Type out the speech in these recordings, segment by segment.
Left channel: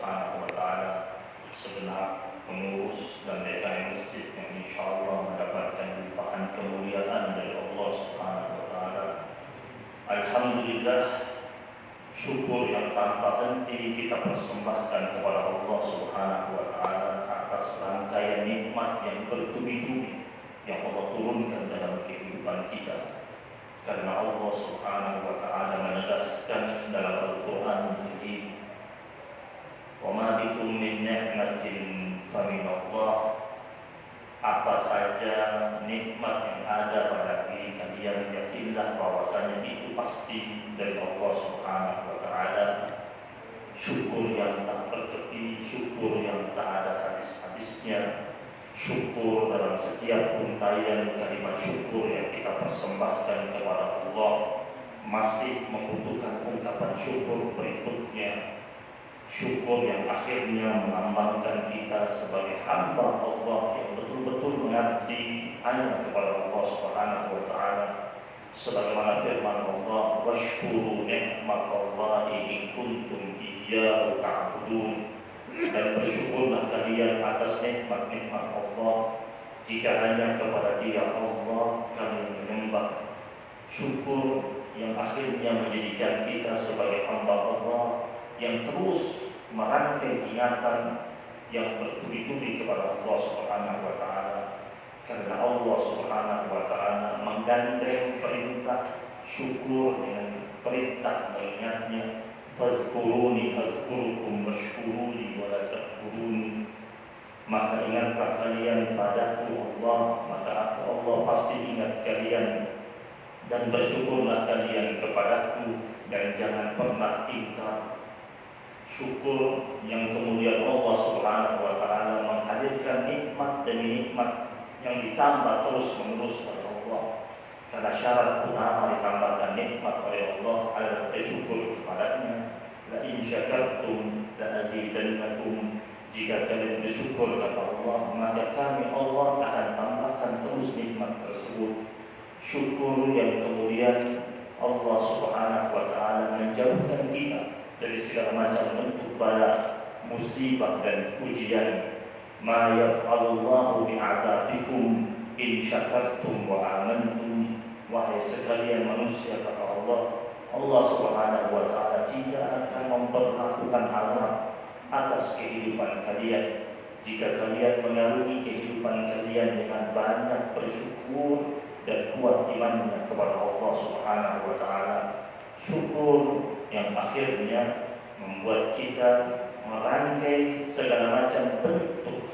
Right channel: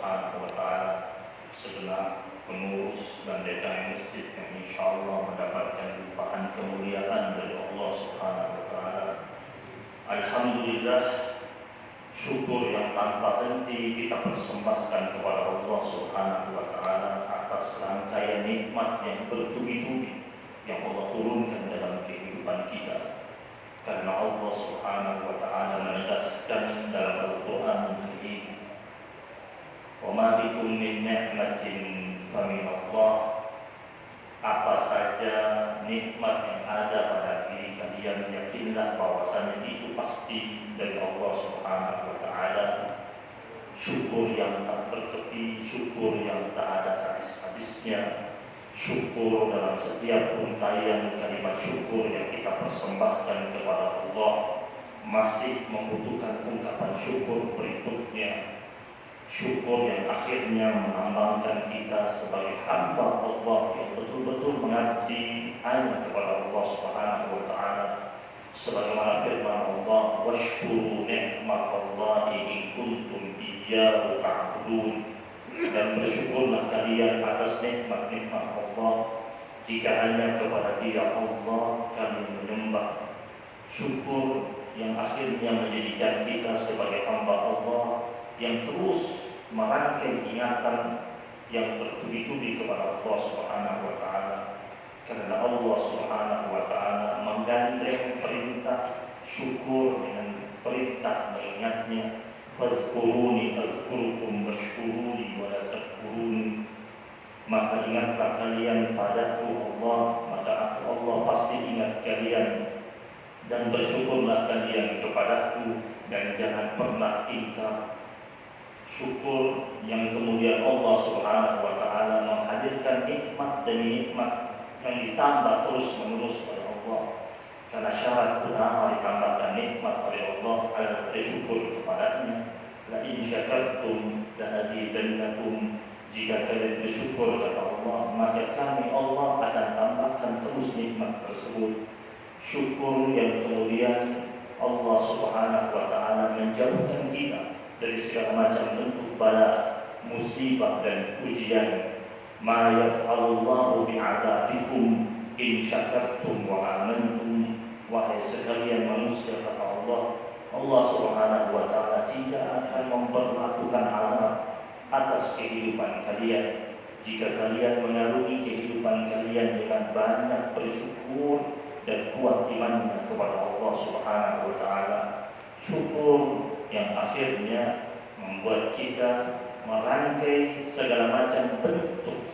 Subhanahu wa Ta'ala, segenap pengurus dan DKM masjid yang insyaallah mendapatkan limpahan kemuliaan dari Allah Subhanahu wa Ta'ala. Alhamdulillah, syukur yang tanpa henti kita persembahkan kepada Allah Subhanahu wa Ta'ala atas rangkaian nikmat yang bertubi-tubi yang Allah turunkan dalam kehidupan kita. Karena Allah Subhanahu wa Ta'ala menegaskan dalam Al-Quran Al-Karim, "Wa ma bikum min ni'matin famin Allah." Apa saja nikmat yang ada pada diri kalian, yakinlah bahwasanya itu pasti dari Allah Subhanahu wa Ta'ala. Syukur yang tak bertepi, syukur yang tak ada habis-habisnya, syukur dalam setiap untayan kalimat syukur yang kita persembahkan kepada Allah masih membutuhkan ungkapan syukur berikutnya. Syukur yang akhirnya melambangkan kita sebagai hamba Allah yang betul-betul mengabdi hanya kepada Allah Subhanahu wa Ta'ala. Sebagaimana firman Allah, "Washkuru ni'matallahi in kuntum iyyahu ta'budun." Dan bersyukurlah kalian atas nikmat-nikmat Allah jika hanya kepada Dia Allah kalian menyembah. Syukur yang akhirnya menjadikan kita sebagai hamba Allah yang terus merangkai ingatan yang bertubi-tubi kepada Allah Subhanahu wa Ta'ala. Karena Allah Subhanahu wa Ta'ala menggandeng perintah syukur dengan perintah mengingatnya, "Fazkuruni azkurukum washkuruni wa la takfurun." Maka ingatlah kalian padaku Allah, maka aku Allah pasti ingat kalian, dan bersyukurlah kalian kepadaku dan jangan pernah ingkar. Syukur yang kemudian Allah Subhanahu wa Ta'ala menghadirkan nikmat demi nikmat yang ditambah terus menerus oleh Allah. Karena syarat utama ditambahkan nikmat oleh Allah adalah bersyukur kepadanya. "La in syakartum la azidannakum." Jika kalian bersyukur kepada Allah, maka kami Allah akan tambahkan terus nikmat tersebut. Syukur yang kemudian Allah Subhanahu wa Ta'ala menjauhkan kita dari segala macam bentuk bala, musibah dan ujian. "Ma yaf'alullahu bi'adzabikum in syakartum wa amantum." Wahai sekalian manusia, kata Allah, Allah Subhanahu wa Ta'ala tidak akan memperlakukan azab atas kehidupan kalian jika kalian mengarungi kehidupan kalian dengan banyak bersyukur dan kuat imannya kepada Allah Subhanahu wa Ta'ala. Syukur yang akhirnya membuat kita merangkai segala macam bentuk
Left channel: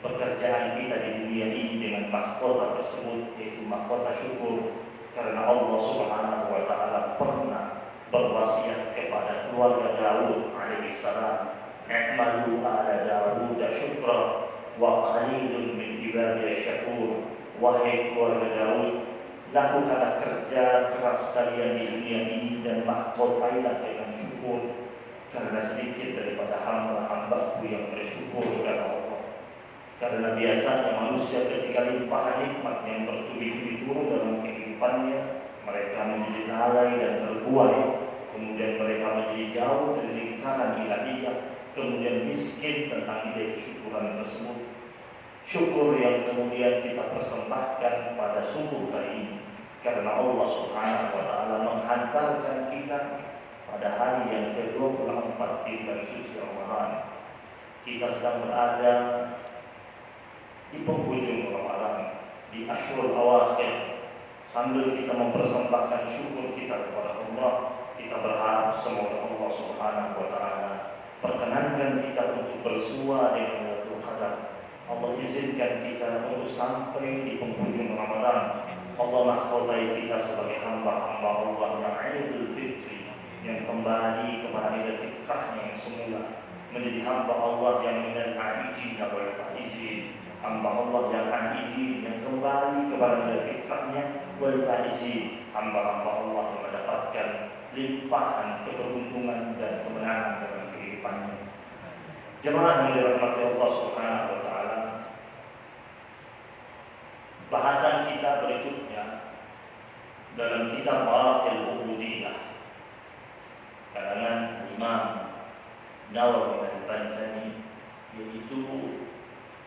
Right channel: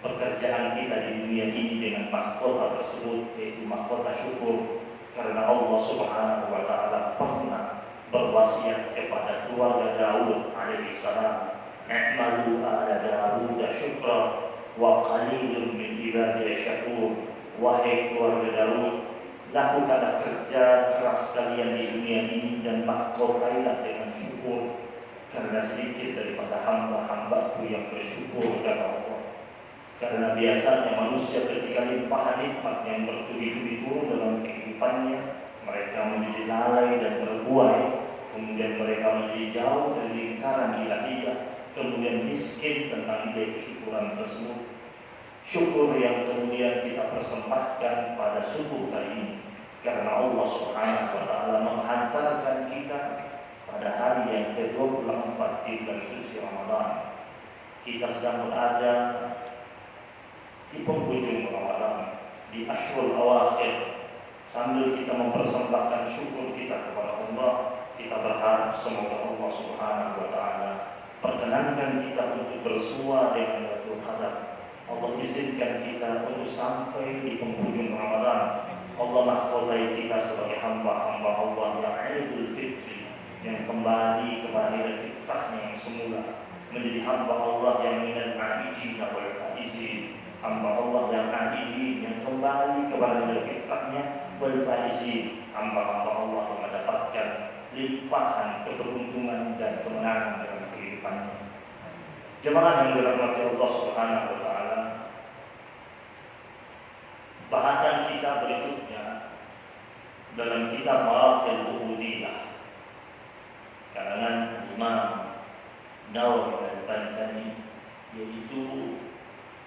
pekerjaan kita di dunia ini dengan mahkota tersebut, yaitu mahkota syukur. Karena Allah Subhanahu wa Ta'ala pernah berwasiat kepada keluarga Daud alaihi salam, "I'malu ala Daud syukra wa qalilun min ibadiy syakur." Wahai keluarga Daud, lakukanlah kerja keras kalian di dunia ini dan mahkotailah dengan syukur, karena sedikit daripada hamba-hambaku yang bersyukur kepada Allah. Karena biasanya manusia ketika limpahan nikmat yang bertubi-tubi turun dalam kehidupannya, mereka menjadi lalai dan terbuai, kemudian mereka menjadi jauh dari lingkaran ilahiyah, kemudian miskin tentang nilai kesyukuran tersebut. Syukur yang kemudian kita persembahkan pada subuh kali ini, karena Allah Subhanahu wa Ta'ala menghantarkan kita pada hari yang ke-24 di bulan suci Ramadan. Kita sedang berada di penghujung Ramadan, di Ashurul Awakhir. Sambil kita mempersembahkan syukur kita kepada Allah, kita berharap semoga Allah Subhanahu wa Ta'ala perkenankan kita untuk bersua dengan Lailatul Qadar. Allah izinkan kita untuk sampai di penghujung Ramadan. Allah mahkotai kita sebagai hamba-hamba Allah yang Idul Fitri, yang kembali kepada fitrahnya yang semula, menjadi hamba Allah yang minal ma'ijin wal faizin, hamba Allah yang ma'ijin, yang kembali kepada fitrahnya, wal faizin, hamba-hamba Allah yang mendapatkan limpahan keberuntungan dan kemenangan dalam kehidupannya. Jemaah yang dirahmati Allah Subhanahu wa Ta'ala, bahasan kita berikutnya dalam kitab Maraqil Ubudiyah karangan Imam Nawawi Al-Bantani, yaitu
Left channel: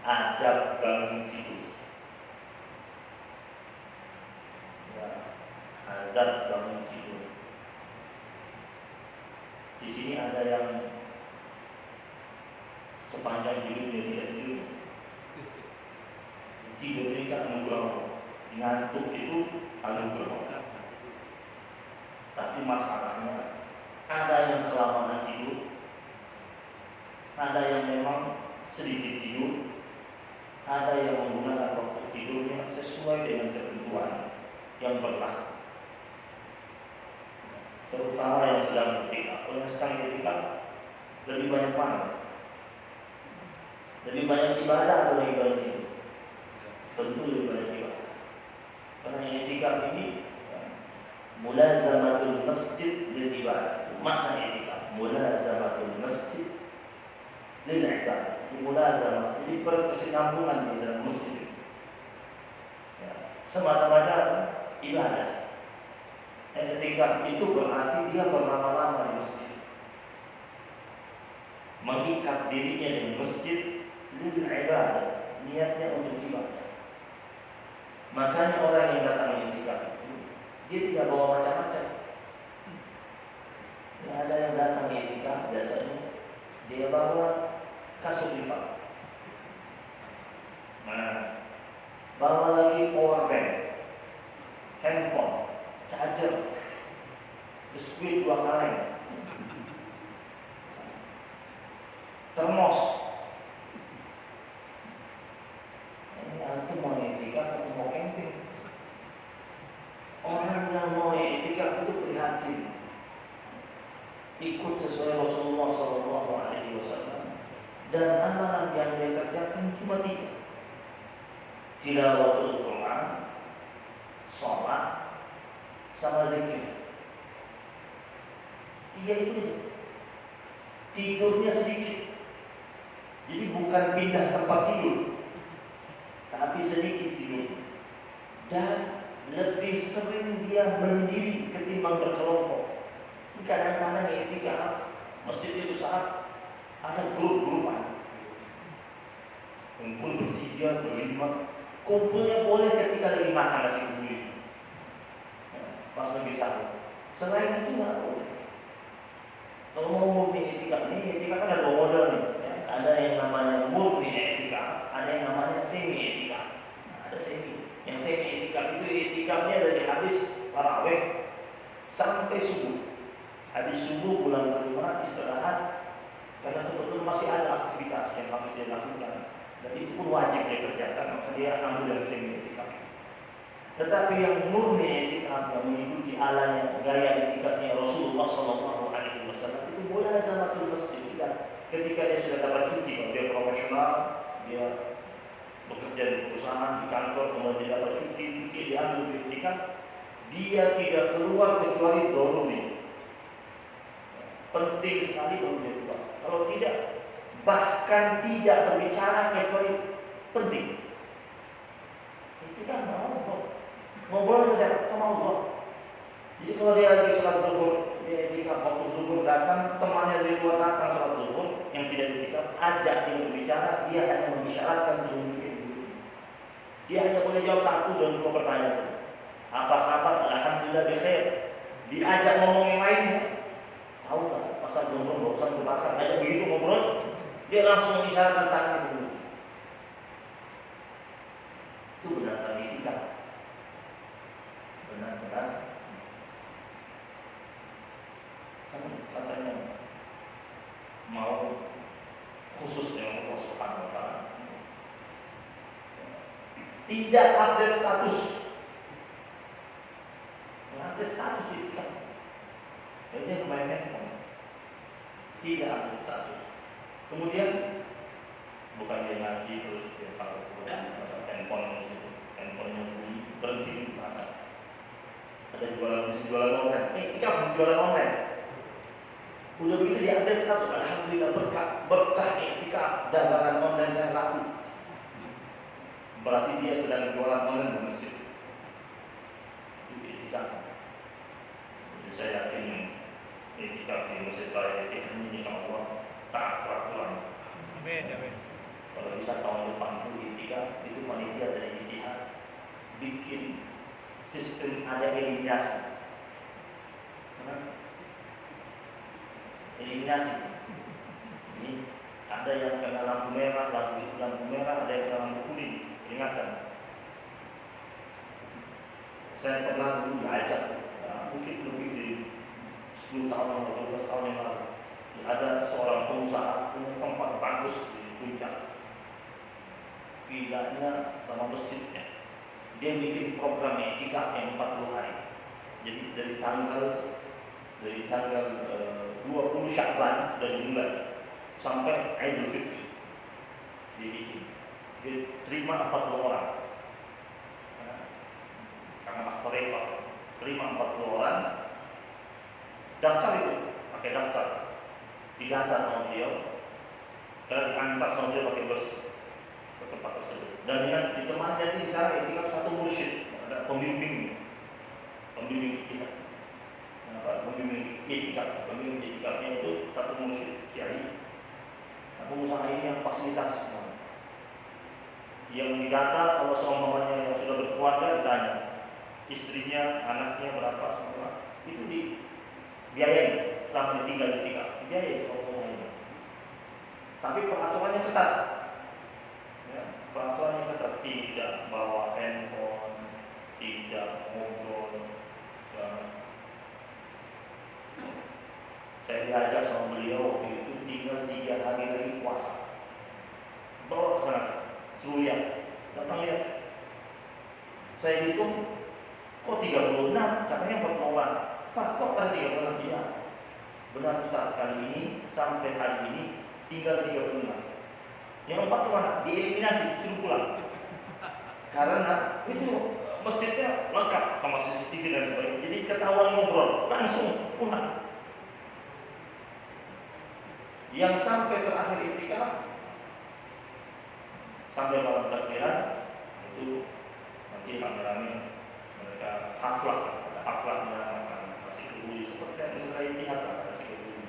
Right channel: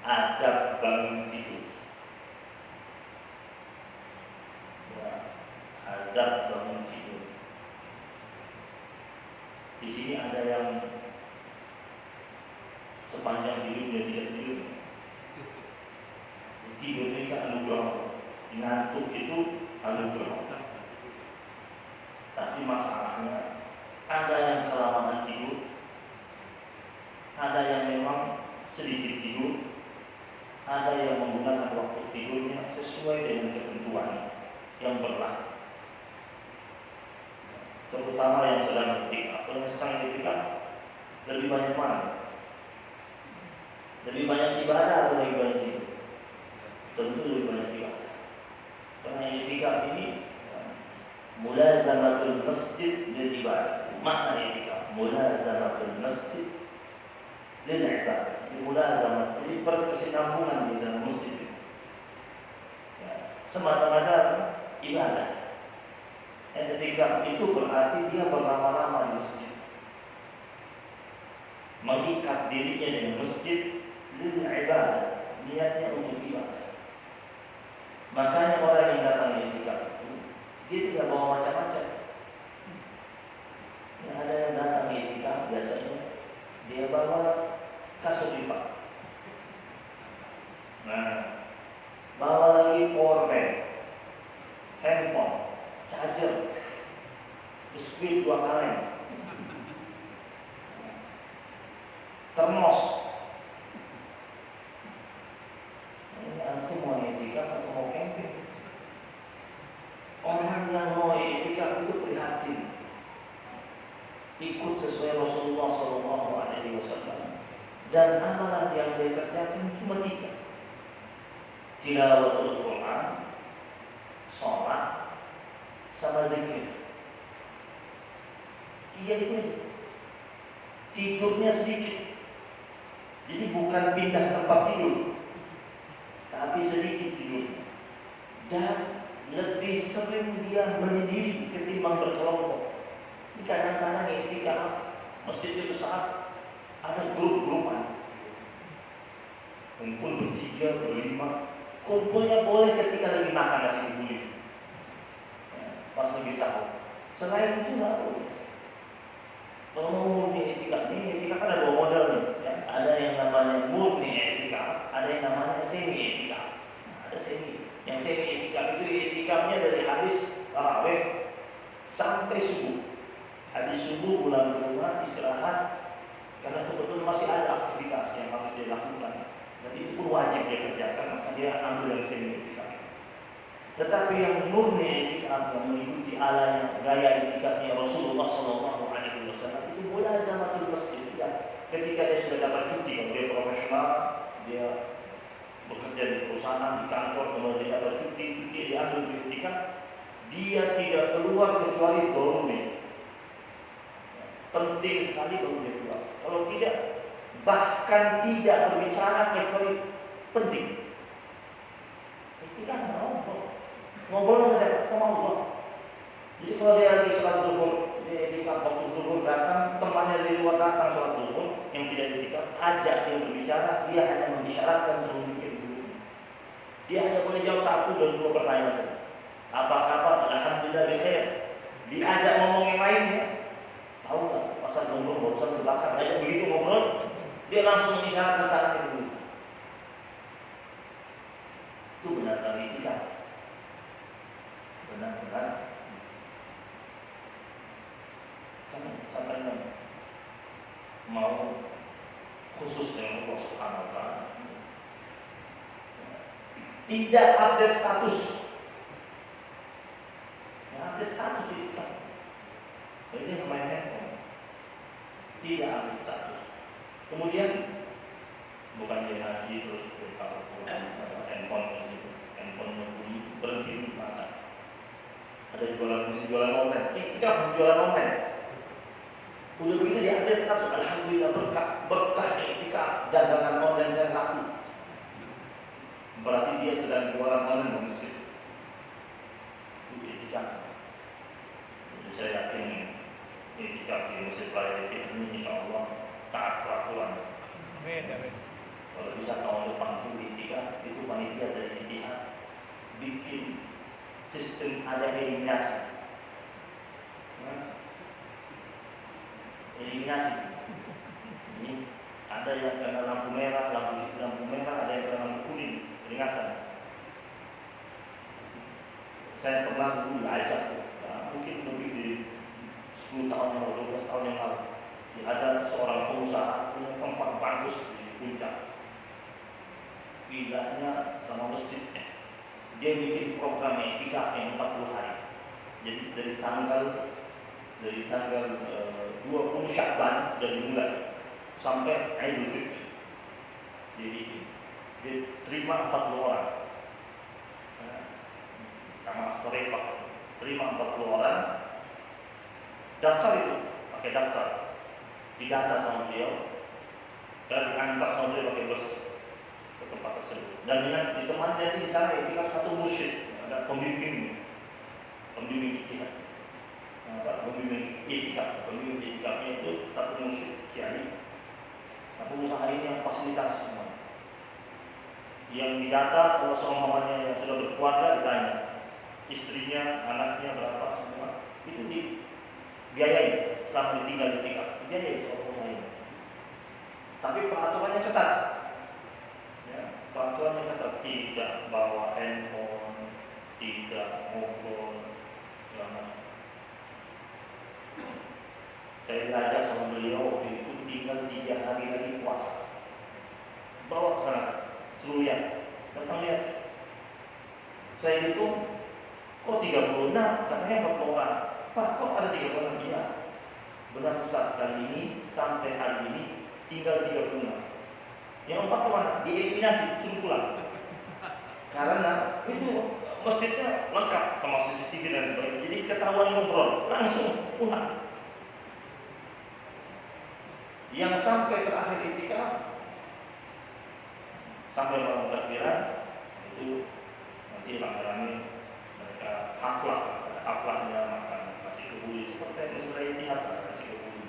adab bangun tidur. Ya, adab bangun tidur. Di sini ada yang sepanjang hidupnya tidak tidur. Tidur ini kan anugerah, ngantuk itu anugerah. Tapi masalahnya ada yang kelamaan tidur, ada yang memang sedikit tidur, ada yang menggunakan waktu tidurnya sesuai dengan ketentuan yang berlaku. Terutama yang sedang etika. Kalau yang sedang etika lebih banyak mana? Lebih banyak ibadah atau lebih banyak tidur? Tentu lebih banyak ibadah. Karena etika ini mulazamatul masjid lil ibadah. Makna etika mulazamatul masjid lil ibadah. Mulazamah jadi berkesinambungan di dalam masjid. Ya, semata-mata ibadah. Etika itu berarti dia berlama-lama di masjid, mengikat dirinya dengan masjid lil ibadah, niatnya untuk ibadah. Makanya orang yang datang etika dia tidak bawa macam-macam. Ya, ada yang datang etika biasanya dia bawa kasut lipat, bawa lagi power bank, handphone, charger, biskuit 2 kaleng, termos. Itu mau etika atau mau camping? Orang yang mau etika itu prihatin, ikut sesuai Rasulullah SAW, dan amalan yang dia kerjakan cuma 3: tilawatul Quran, sholat, sama zikir. 3 itu. Tidurnya sedikit. Jadi bukan pindah tempat tidur, tapi sedikit tidur. Dan lebih sering dia menyendiri ketimbang berkelompok. Ini kadang-kadang etika masjidnya besar, ada grup-grupan, kumpul ber-3, ber-5. Kumpulnya boleh ketika lagi makan nasi kebuli, pas lagi sahur. Selain itu nggak boleh. Kalau mau murni etika, ini etika kan ada 2 model nih. Ya, ada yang namanya murni etika, ada yang namanya semi etika. Ada semi. Yang semi etika itu etikanya dari habis tarawih sampai subuh. Habis subuh pulang ke rumah istirahat, karena kebetulan masih ada aktivitas yang harus dia lakukan, dan itu pun wajib dia kerjakan, maka dia ambil yang semi etika. Tetapi yang murni etika, yang mengikuti ala gaya etikanya Rasulullah SAW, itu mulazamatul masjid. Ketika dia sudah dapat cuti, kalau dia profesional, dia bekerja di perusahaan, di kantor, kemudian dia dapat cuti dia ambil di etika, dia tidak keluar kecuali doruri. Penting sekali baru dia keluar. Kalau tidak, bahkan tidak berbicara kecuali penting. Etika ngobrol sama siapa? Sama Allah. Jadi kalau dia lagi sholat zuhur, dia etika waktu zuhur datang, temannya dari luar datang sholat zuhur yang tidak etika, ajak dia berbicara, dia hanya mengisyaratkan telunjuknya dulu. Dia hanya boleh jawab 1 dan 2 pertanyaan saja. Apa kabar? Alhamdulillah bikhair. Diajak ngomong yang lainnya, tahu nggak? Pasar gondrong barusan kebakar, ajak begitu ngobrol, dia langsung mengisyaratkan tangannya dulu. Itu benar-benar etika. Benar-benar kan katanya mau khusus dengan Allah Subhanahu wa ta'ala. Tidak update status. Update status etika. Ini main handphone. Tidak update status. Kemudian bukan dia ngaji terus dia taruh handphone itu, handphone mobil berhenti di belakang. Ada jualan online. Kita masih jualan online. Udah begitu dia update status, alhamdulillah berkah etika dagangan online saya laku. Berarti dia sedang jualan online di masjid. Itu etika. Jadi saya yakin etika di masjid raya ini insya Allah tak eliminasi. Eliminasi. Ini ada yang kena lampu merah, lampu merah, ada yang kena lampu kuning, peringatan. Saya pernah dulu diajak, mungkin lebih dari 10 tahun atau 12 tahun yang lalu. Ada seorang pengusaha punya tempat bagus di Puncak, vilanya sama masjidnya. Dia bikin program etika yang 40 hari. Jadi dari tanggal 20 Syakban sudah dimulai sampai Idul Fitri. Dia bikin. Dia terima 40 orang. Sama aktor rekor. Terima 40 orang. Daftar itu, pakai daftar. Didata sama beliau. Dan diantar sama beliau pakai bus ke tempat tersebut. Dan dengan ditemani di sana etika satu mursyid, ada pembimbing etika. Pembimbing etikanya itu satu mursyid kiai. Pengusaha ini yang fasilitasi semua. Yang didata kalau seumpamanya yang sudah berkeluarga ditanya istrinya, anaknya berapa semua itu dibiayai selama ditinggal etika, dibiayai sama pengusaha ini. Tapi peraturannya ketat. Ya, peraturannya ketat, tidak bawa handphone, tidak ngobrol, segala macam. Saya diajak sama beliau waktu itu tinggal 3 hari lagi puasa. Bawa ke sana, suruh lihat, datang lihat. Saya hitung, kok 36, katanya 40 orang. Pak, kok ada 36? Iya. Benar Ustaz, kali ini sampai hari ini tinggal 36. Yang 4 kemana? Dieliminasi, suruh pulang. Karena itu masjidnya lengkap sama CCTV dan sebagainya. Jadi ketahuan ngobrol, langsung pulang. Yang sampai terakhir iktikaf sampai malam takbiran itu nanti rame-rame mereka haflah, ada haflahnya, makan nasi kebuli seperti yang setelah itihad nasi kebuli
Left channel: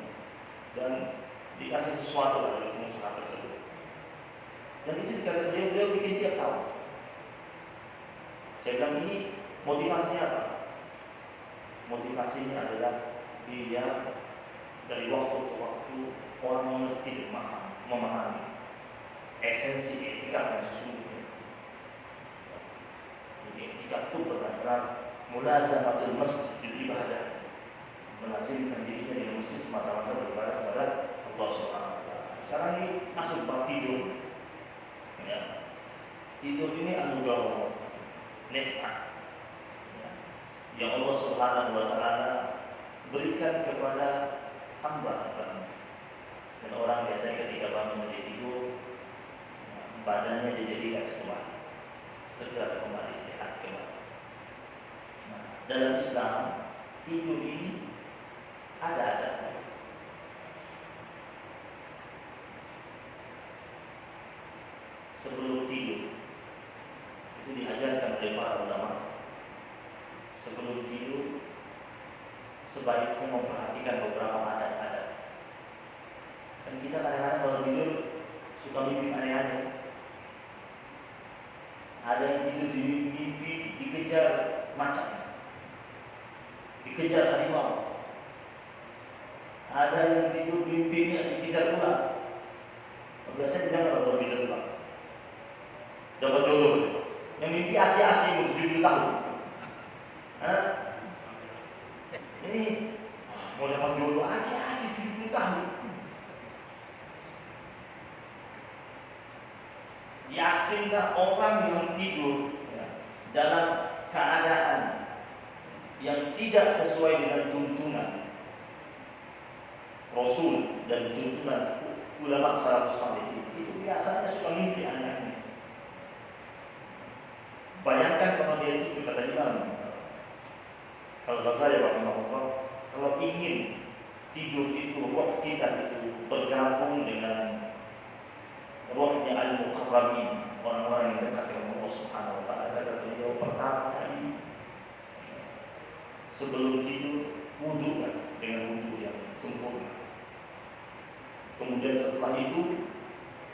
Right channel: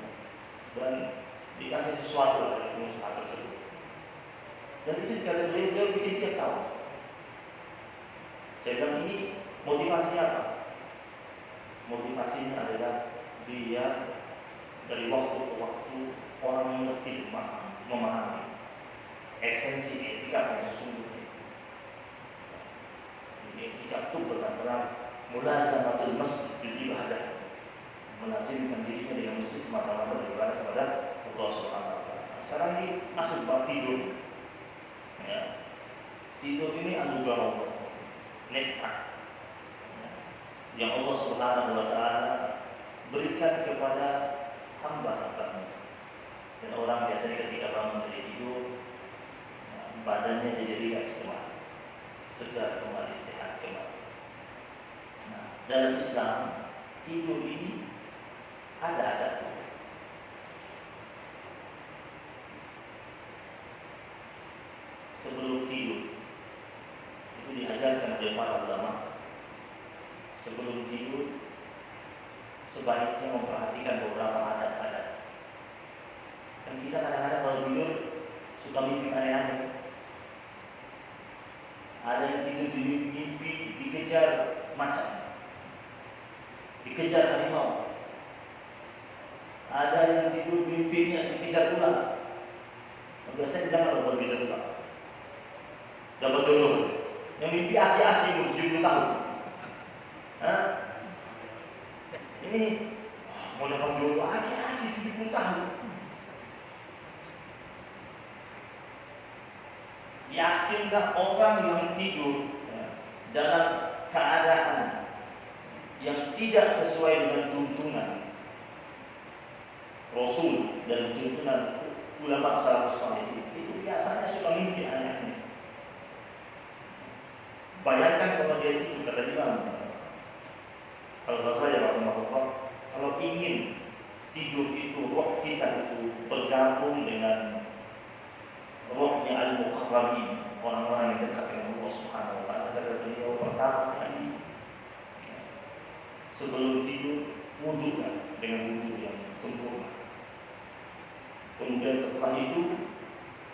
dan dikasih sesuatu oleh pengusaha tersebut. Dan itu dikata beliau bikin dia tahu. Saya bilang ini motivasinya apa? Motivasinya adalah biar dari waktu ke waktu orang mengerti, memahami esensi etika yang sesungguhnya. Jadi etika itu berkaitan mulazamatul masjid ibadah, melazimkan dirinya dengan masjid semata-mata beribadah kepada Allah Subhanahu wa taala. Sekarang ini masuk bab tidur. Ya. Tidur ini anugerah Allah, nikmat. Ya. Yang Allah Subhanahu wa taala berikan kepada hamba-hambanya. Dan orang biasanya ketika bangun dari tidur, badannya jadi rileks kembali, segar kembali, sehat kembali. Nah, dalam Islam tidur ini ada adabnya. Sebelum tidur itu diajarkan oleh para ulama. Sebelum tidur sebaiknya memperhatikan beberapa adat-adat. Dan kita kadang-kadang kalau tidur suka mimpi aneh-aneh. Ada yang tidur di mimpi dikejar macan, dikejar harimau. Ada yang tidur mimpinya dikejar ular. Biasanya bilang kalau dikejar ular dapat jodoh. Yang mimpi aki-aki umur 70 tahun. Hah? Ini mau dapat jodoh aki-aki 70 tahun. Yakinkah orang yang tidur dalam keadaan yang tidak sesuai dengan tuntunan Rasul dan tuntunan ulama salafus saleh itu biasanya suka mimpi aneh-aneh. Bayangkan kalau dia itu kata Imam Al-Ghazali rahimahullah, kalau ingin tidur itu roh kita itu bergabung dengan rohnya al-muqarrabin, orang-orang yang dekat dengan Allah Subhanahu wa taala. Kata beliau, pertama kali sebelum tidur wudu dengan wudu yang sempurna. Kemudian setelah itu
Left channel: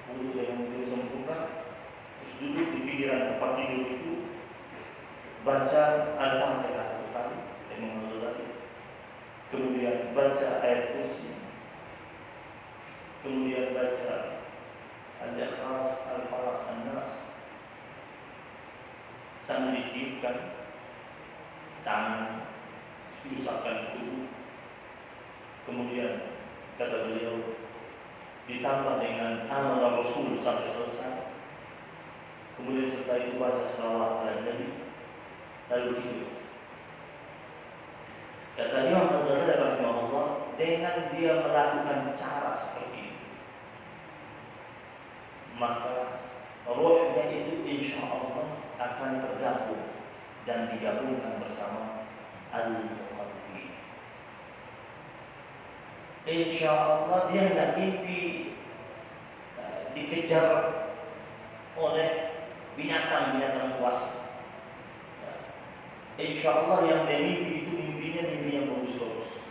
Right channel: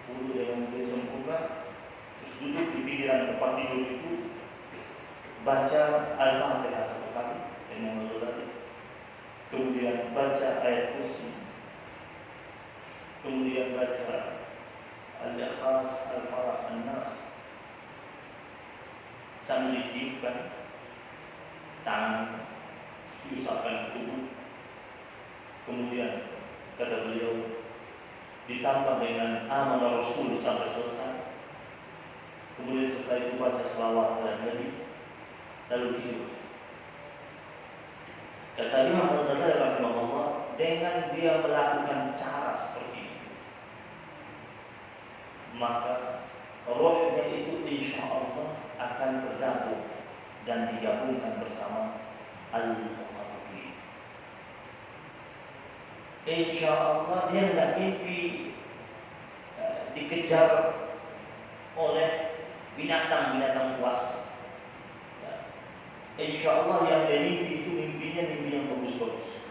wudu dengan wudu yang sempurna, terus duduk di pinggiran tempat tidur itu baca Al-Fatihah 1 kali, kemudian baca ayat kursi, kemudian baca Al-Ikhlas, Al-Falaq, An-Nas, sambil ditiupkan tangan, diusapkan tubuh. Kemudian kata beliau ditambah dengan amal Rasul sampai selesai. Kemudian setelah itu baca selawat dan Nabi, lalu tidur. Kata Imam Al-Ghazali rahimahullah, dengan dia melakukan cara seperti itu, maka rohnya itu insya Allah akan tergabung dan digabungkan bersama al-muqarrabin. Insya Allah dia nggak mimpi dikejar oleh binatang-binatang buas. Insya Allah yang dia mimpi itu mimpi yang bagus-bagus,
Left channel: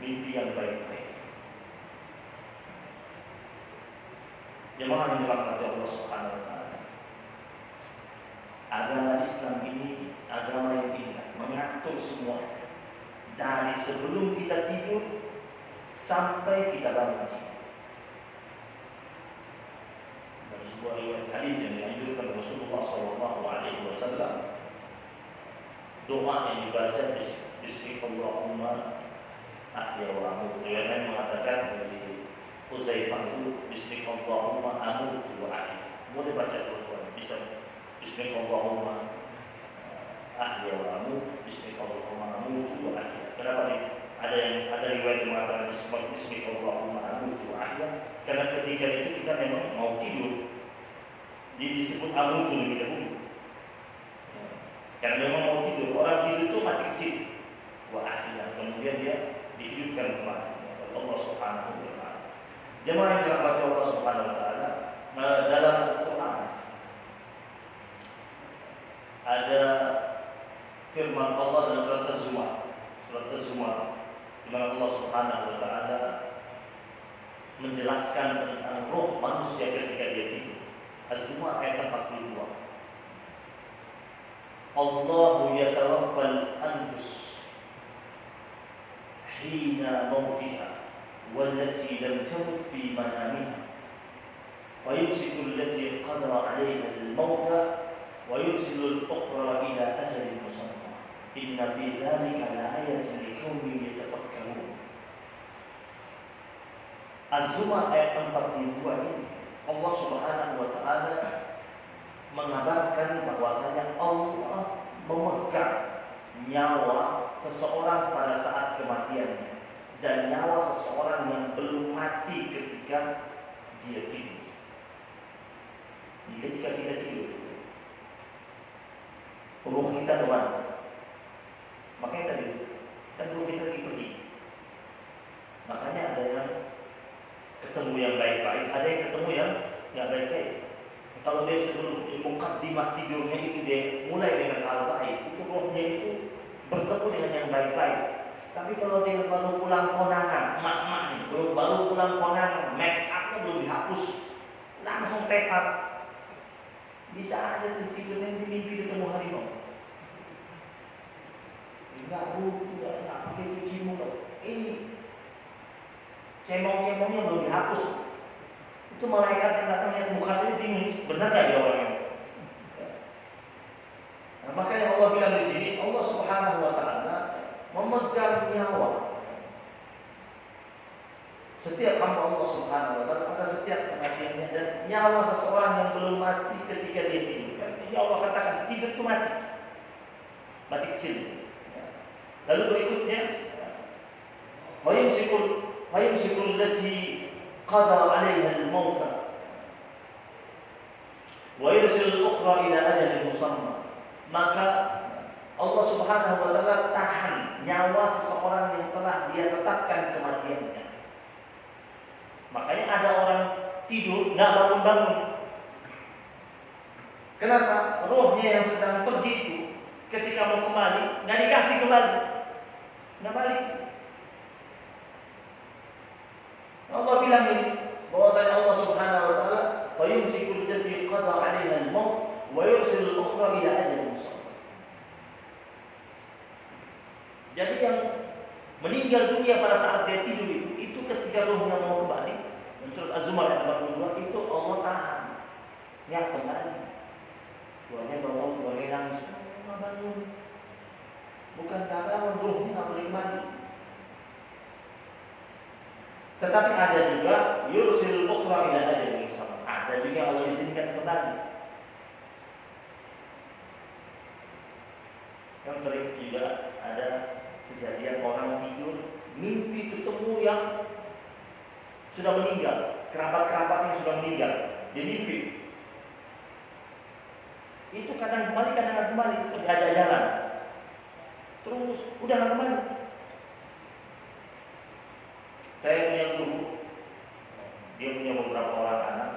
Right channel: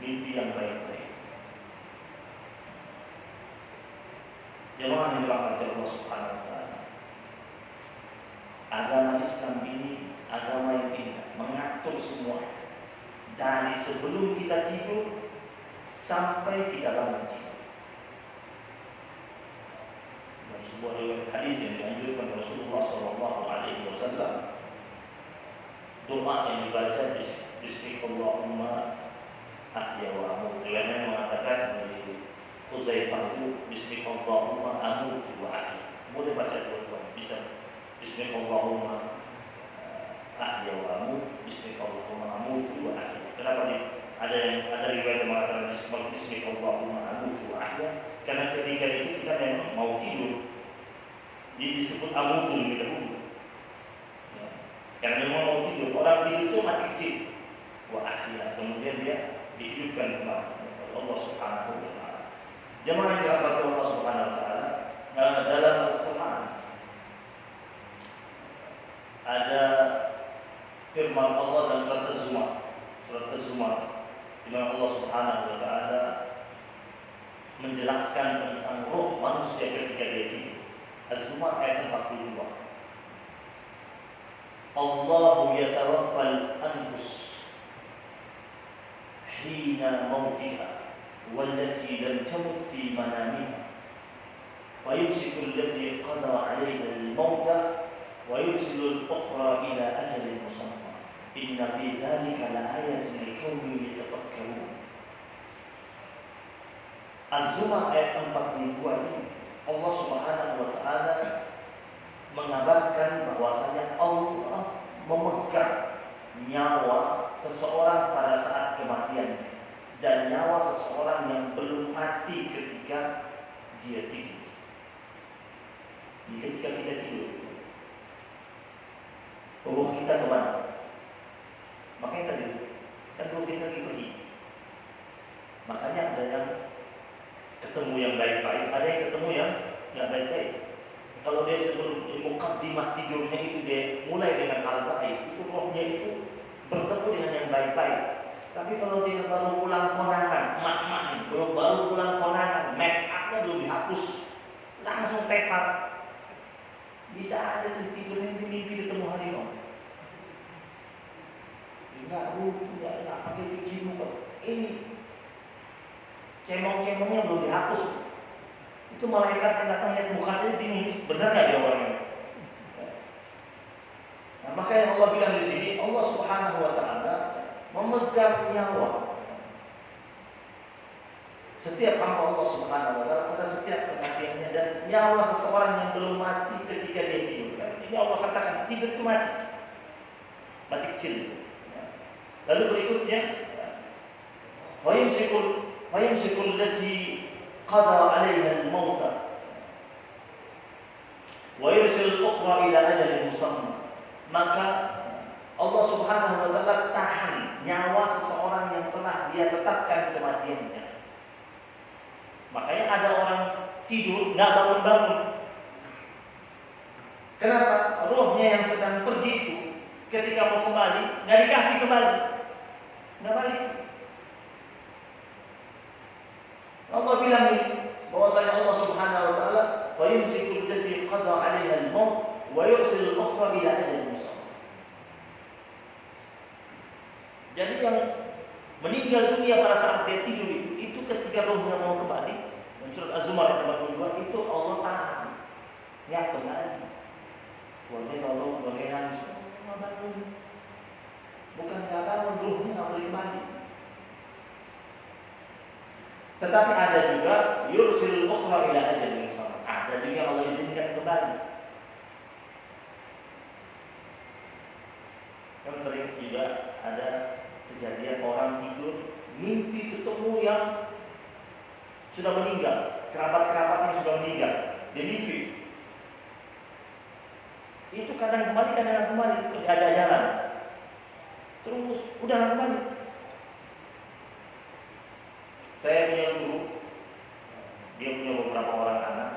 mimpi yang baik-baik. Jemaah yang dirahmati Allah Subhanahu wa taala. Agama Islam ini agama yang indah, mengatur semua dari sebelum kita tidur sampai kita bangun tidur. Dalam sebuah riwayat hadis yang dianjurkan Rasulullah SAW, doa yang dibaca Bismillahumma ahya wa amut. Riwayatnya mengatakan dari Uzaifah itu Bismillahumma amut wa ahya. Boleh baca dua-duanya, bisa Bismillahumma ahya wa amut, Bismillahumma amut wa ahya. Kenapa nih? Ada riwayat yang mengatakan Bismillahumma amut wa ahya, karena ketika itu kita memang mau tidur, jadi disebut amut lebih dahulu. Karena memang mau tidur, orang tidur itu mati kecil. Wa ahya, kemudian dia dihidupkan kembali oleh Allah Subhanahu wa taala. Jemaah yang dirahmati Allah Subhanahu wa taala, dalam Al-Qur'an ada firman Allah dalam surat Az-Zumar, di mana Allah Subhanahu wa taala menjelaskan tentang roh manusia ketika dia tidur. Az-Zumar ayat 42. Allahu yatawaffal anfus hina mautiha wallati lam tamut fi manamiha wa yumsiku allati qada 'alayha al-mauta wa yursilu al-ukhra ila ajalin musamma inna fi dhalika la'ayatan liqaumin yatafakkarun. Az-Zumar ayat 42 ini Allah Subhanahu wa taala mengabarkan bahwasanya Allah memegang nyawa seseorang pada saat kematian dan nyawa seseorang yang belum mati ketika dia tidur. Ketika kita tidur, ruh kita keluar. Makanya tadi kan ruh kita lagi pergi. Makanya ada yang ketemu yang baik-baik, ada yang ketemu yang nggak baik-baik. Kalau dia sebelum mukaddimah tidurnya itu dia mulai dengan hal baik, itu rohnya itu bertemu dengan yang baik-baik. Tapi kalau dia baru pulang konangan, emak-emak nih, baru pulang konangan, make upnya belum dihapus, langsung tepar, bisa aja tuh tidurnya di mimpi ketemu harimau. Enggak pakai cuci muka. Ini cemong-cemongnya belum dihapus. Itu malaikat yang datang lihat mukanya bingung, benar gak dia orangnya? Nah, maka yang Allah bilang di sini, Allah Subhanahu wa taala memegang nyawa setiap hamba Allah Subhanahu wa taala, maka setiap kematiannya dan nyawa seseorang yang belum mati ketika dia tidur. Ini Allah katakan tidur itu mati kecil. Lalu berikutnya, fayumsikul lati qada 'alaiha al-mauta wa yursil al-ukhra ila ajalin musamma. Maka Allah Subhanahu wa taala tahan nyawa seseorang yang telah dia tetapkan kematiannya. Makanya ada orang tidur enggak bangun-bangun. Kenapa? Rohnya yang sedang pergi itu ketika mau kembali enggak dikasih kembali. Enggak balik. Allah bilang ini bahwasanya Allah Subhanahu wa taala fa yumsiku allati qada 'alaiha al-maut wa yursilu al-ukhra ila ajalin musamma. Jadi yang meninggal dunia pada saat dia tidur itu ketika rohnya mau kembali. Dan surat Az-Zumar ayat 82 itu Allah tahan. Nggak kembali. Suaranya tolong boleh nangis. Mama bangun. Bukan karena rohnya nggak boleh kembali. Tetapi ada juga yursilul ukhra ila ajalin musamma. Ada juga Allah izinkan kembali. Kan sering juga ada kejadian orang tidur mimpi ketemu yang sudah meninggal, kerabat-kerabatnya sudah meninggal. Dia mimpi. Itu kadang kembali, kadang nggak kembali, diajak jalan. Terus udah nggak kembali. Saya punya guru, dia punya beberapa orang anak.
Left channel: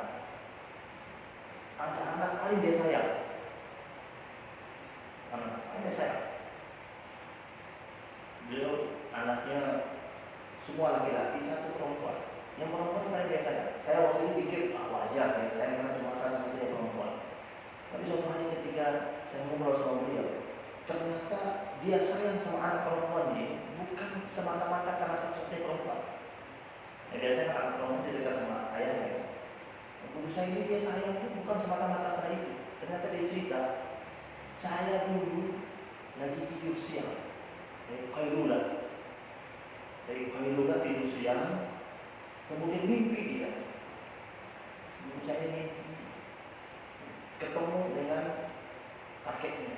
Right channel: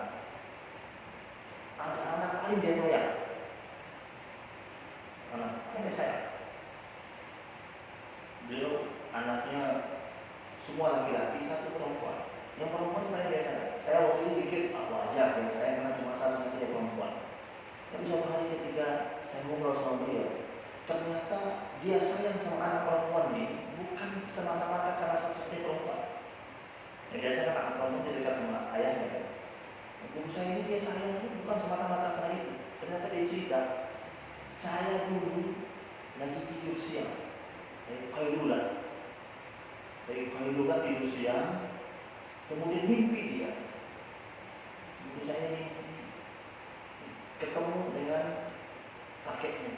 Ada anak paling dia sayang. Anak paling dia sayang. Beliau anaknya semua laki-laki, satu perempuan. Yang perempuan paling dia sayang. Saya waktu itu pikir wajar ya, saya karena cuma satu saja perempuan. Tapi suatu hari ketika saya ngobrol sama beliau, ternyata dia sayang sama anak perempuan ini bukan semata-mata karena satu-satunya perempuan. Ya, biasanya anak perempuan dia dekat sama ayahnya. Guru saya ini dia sayang bukan semata-mata karena itu. Ternyata dia cerita, saya dulu lagi tidur siang dari Qailula tidur siang, kemudian mimpi dia. Guru saya mimpi ketemu dengan kakeknya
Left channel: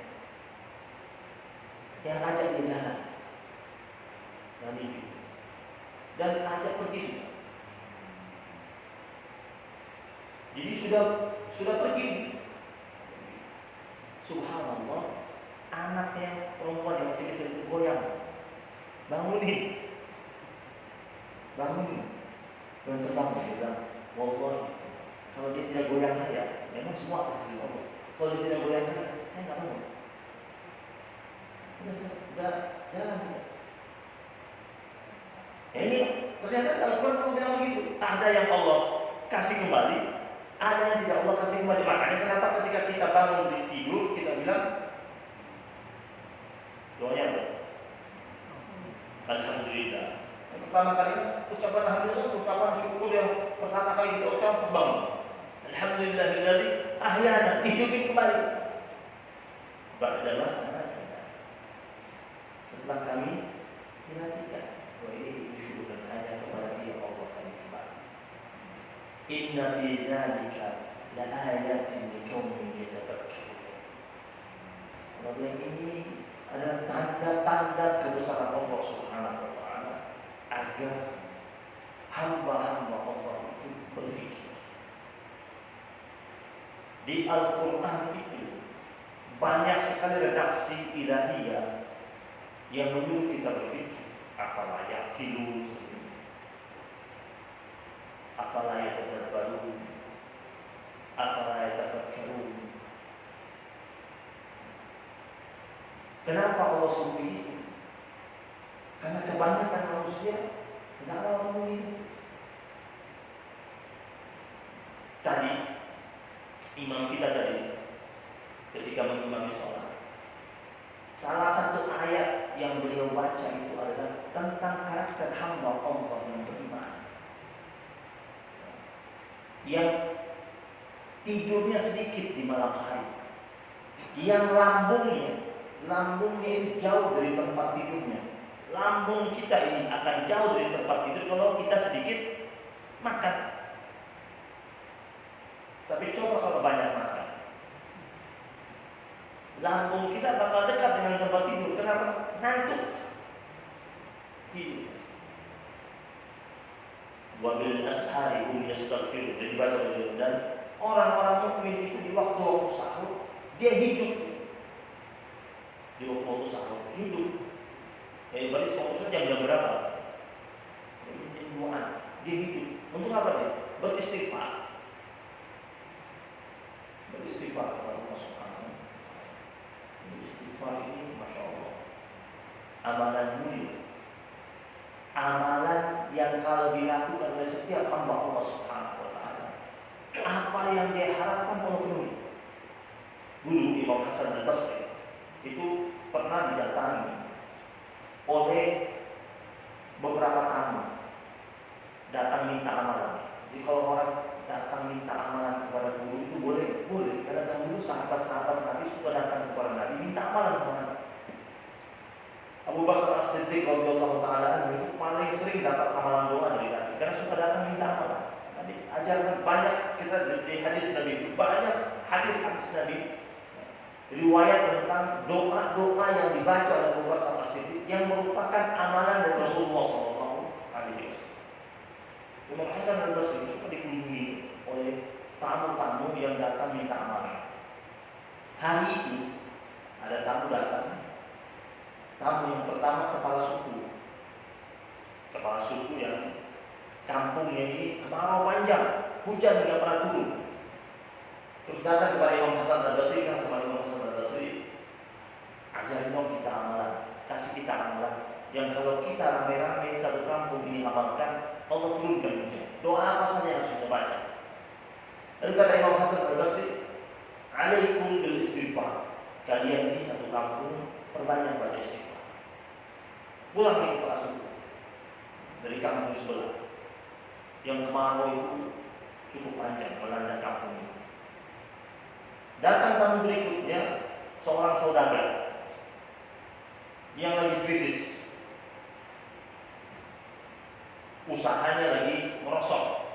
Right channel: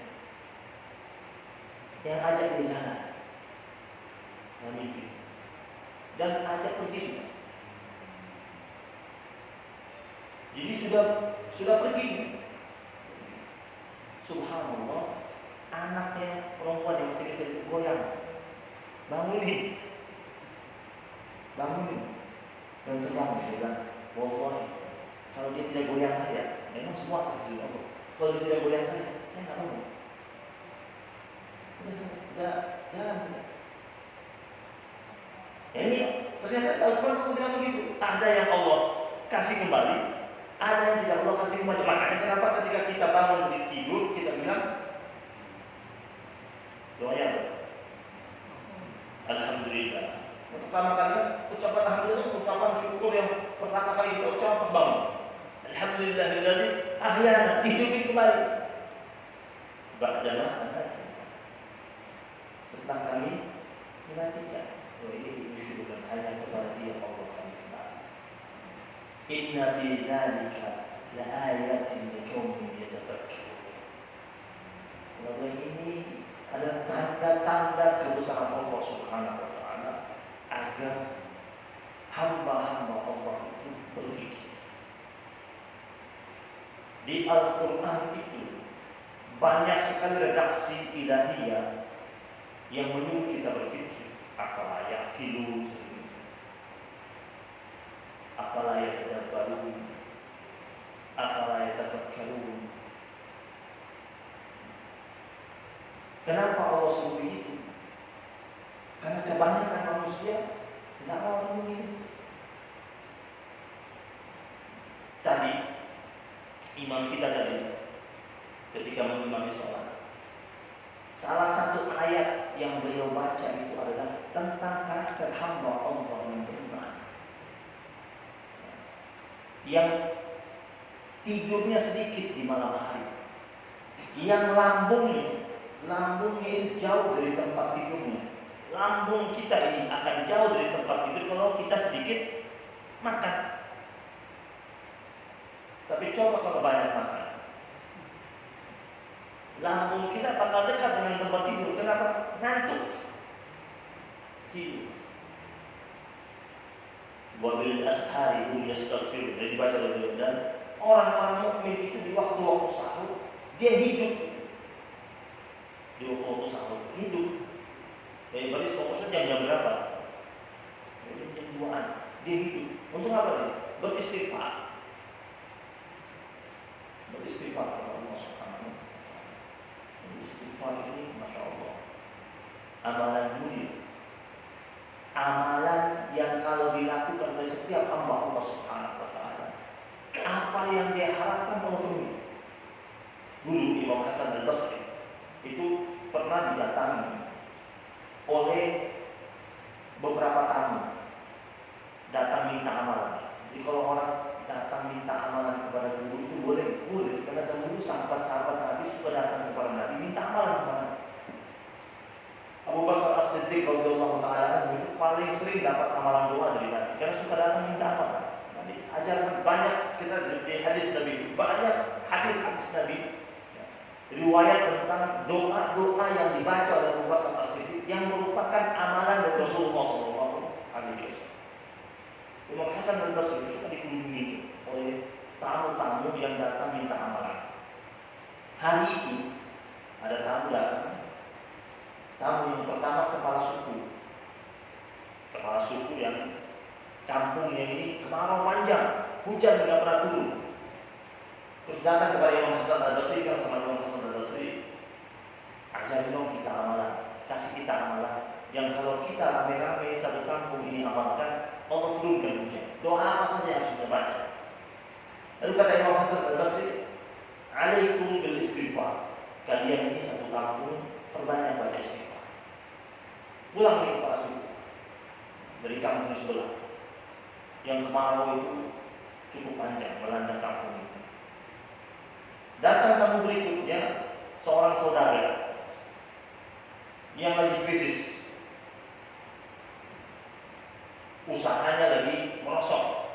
yang ajak dia jalan dan mimpi dan ajak pergi sudah. Jadi sudah pergi. Subhanallah, anaknya perempuan yang masih kecil itu goyang. Bangunin. Dan terbangun dia bilang, wallahi, kalau dia tidak goyang saya, memang semua atas izin Allah. Kalau dia tidak goyang saya nggak bangun. Udah jalan sudah. Ini ternyata Al-Quran bilang begitu. Ada yang Allah kasih kembali, ada yang tidak Allah kasih kembali. Makanya kenapa ketika kita bangun di tidur kita bilang doanya apa? Alhamdulillah. Yang pertama kali ucapan alhamdulillah, ucapan syukur yang pertama kali kita ucapkan pas bangun. Alhamdulillahilladzi ahyana, hidupin kembali. Ba'dama setelah kami dimatikan. Wa ini syukur hanya kepada Dia Allah kami kembali. Inna fi dzalika la ayatin liqaumin yatafakkarun. Bahwa ini adalah tanda-tanda kebesaran Allah Subhanahu wa taala agar hamba-hamba Allah itu berfikir. Di Al-Qur'an itu banyak sekali redaksi ilahiyah yang menyuruh kita berfikir. Afala yaqilun, afala yatadabbarun, afala yatafakkarun. Kenapa Allah suruh itu? Karena kebanyakan manusia tidak mau mengingat. Tadi imam kita ketika mengimami sholat, salah satu ayat yang beliau baca itu adalah tentang karakter hamba Allah yang beriman, yang tidurnya sedikit di malam hari, yang lambungnya itu jauh dari tempat tidurnya. Lambung kita ini akan jauh dari tempat tidur kalau kita sedikit makan. Tapi coba kalau banyak makan, lambung kita bakal dekat dengan tempat tidur. Kenapa? Ngantuk. Tidur. Wa bil ashari hum yastaghfirun. Jadi dibaca oleh beliau, dan orang-orang mukmin itu di waktu-waktu sahur dia hidup. Di waktu-waktu sahur hidup. Ya berarti fokusnya jam berapa? Jam 2-an. Dia hidup. Untuk apa dia? Beristighfar. Beristighfar kepada Allah Subhanahu. Istighfar ini Masya Allah amalan mulia, amalan yang kalau dilakukan oleh setiap hamba Allah Subhanahu wa ta'ala, apa yang dia harapkan Allah penuhi. Dulu Imam Hasan al-Basri itu pernah didatangi oleh beberapa tamu datang minta amalan. Jadi kalau orang datang minta amalan kepada guru itu boleh. Karena dahulu sahabat-sahabat Nabi suka datang kepada Nabi minta amalan kepada Nabi. Abu Bakar As-Siddiq radhiyallahu taala itu paling sering dapat amalan doa dari Nabi karena suka datang minta amalan. Nabi ajarkan banyak kita di hadis Nabi, banyak hadis Nabi riwayat tentang doa-doa yang dibaca oleh Abu Bakar As-Siddiq yang merupakan amalan dari Rasulullah SAW. Imam Hasan al-Basri suka dikunjungi oleh tamu-tamu yang datang minta amalan. Hari itu ada tamu datang. Tamu yang pertama kepala suku yang kampungnya ini kemarau panjang, hujan tidak pernah turun. Terus datang kepada Imam Hasan al-Basri, kan sama Imam Hasan al-Basri, ajarin dong kita amalan, kasih kita amalan yang kalau kita rame-rame satu kampung ini amalkan, Allah turunkan hujan. Doa apa saja yang harus kita baca? Lalu kata Imam Hasan al-Basri, alaikum bil istighfar. Kalian ini satu kampung perbanyak baca istighfar. Pulang ke kepala suku dari kampung sebelah yang kemarau itu cukup panjang melanda kampung ini. Datang tamu berikutnya, seorang saudagar yang lagi krisis, usahanya lagi merosot,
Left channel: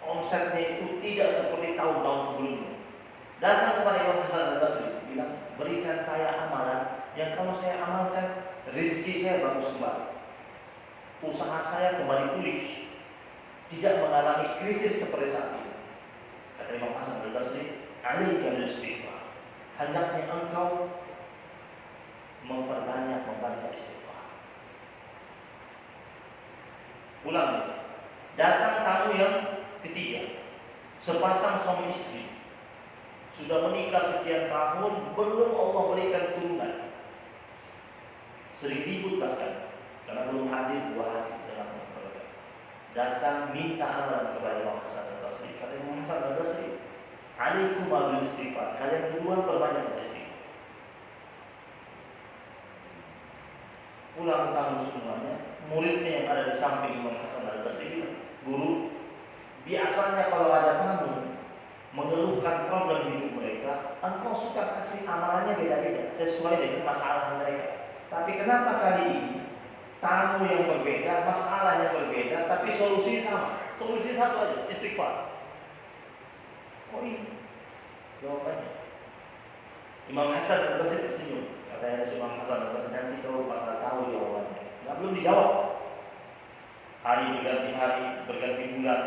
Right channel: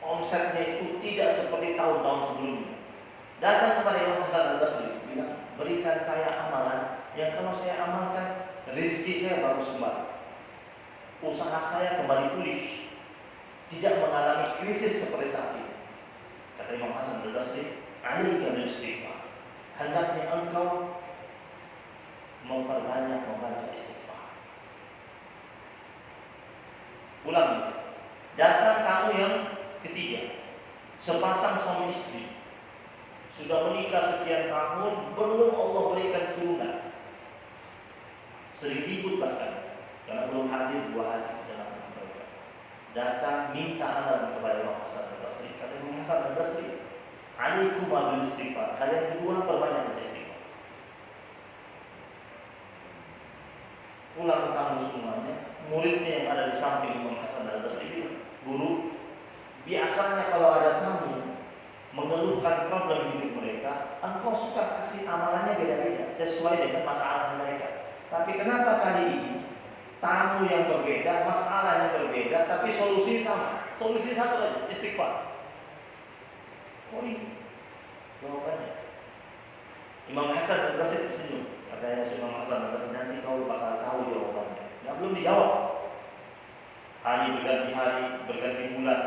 omsetnya itu tidak seperti tahun-tahun sebelumnya. Datang kepada Imam Hasan al-Basri, bilang, berikan saya amalan yang kalau saya amalkan, rezeki saya bagus kembali, usaha saya kembali pulih, tidak mengalami krisis seperti saat ini. Kata Imam Hasan al-Basri, alaika bil istighfar, hendaknya engkau memperbanyak membaca istighfar. Ulang. Datang tamu yang ketiga, sepasang suami istri sudah menikah sekian tahun, belum Allah berikan turunan, sering ribut bahkan karena belum hadir buah hati di dalam keluarga. Datang minta amalan kepada Imam Hasan al-Basri. Kata Imam Hasan al-Basri, alaikum bil istighfar, kalian berdua perbanyak istighfar. Pulang tamu semuanya, muridnya yang ada di samping Imam Hasan al-Basri bilang, guru, biasanya kalau ada tamu mengeluhkan problem hidup mereka, engkau suka kasih amalannya beda-beda sesuai dengan masalah mereka. Tapi kenapa kali ini tamu yang berbeda, masalah yang berbeda, tapi solusi sama, solusi satu aja, istighfar. Oh ini jawabannya. Imam Hasan al-Basri tersenyum. Katanya Imam Hasan al-Basri, nanti kau bakal tahu jawabannya. Nggak, belum dijawab. Hari berganti hari, berganti bulan,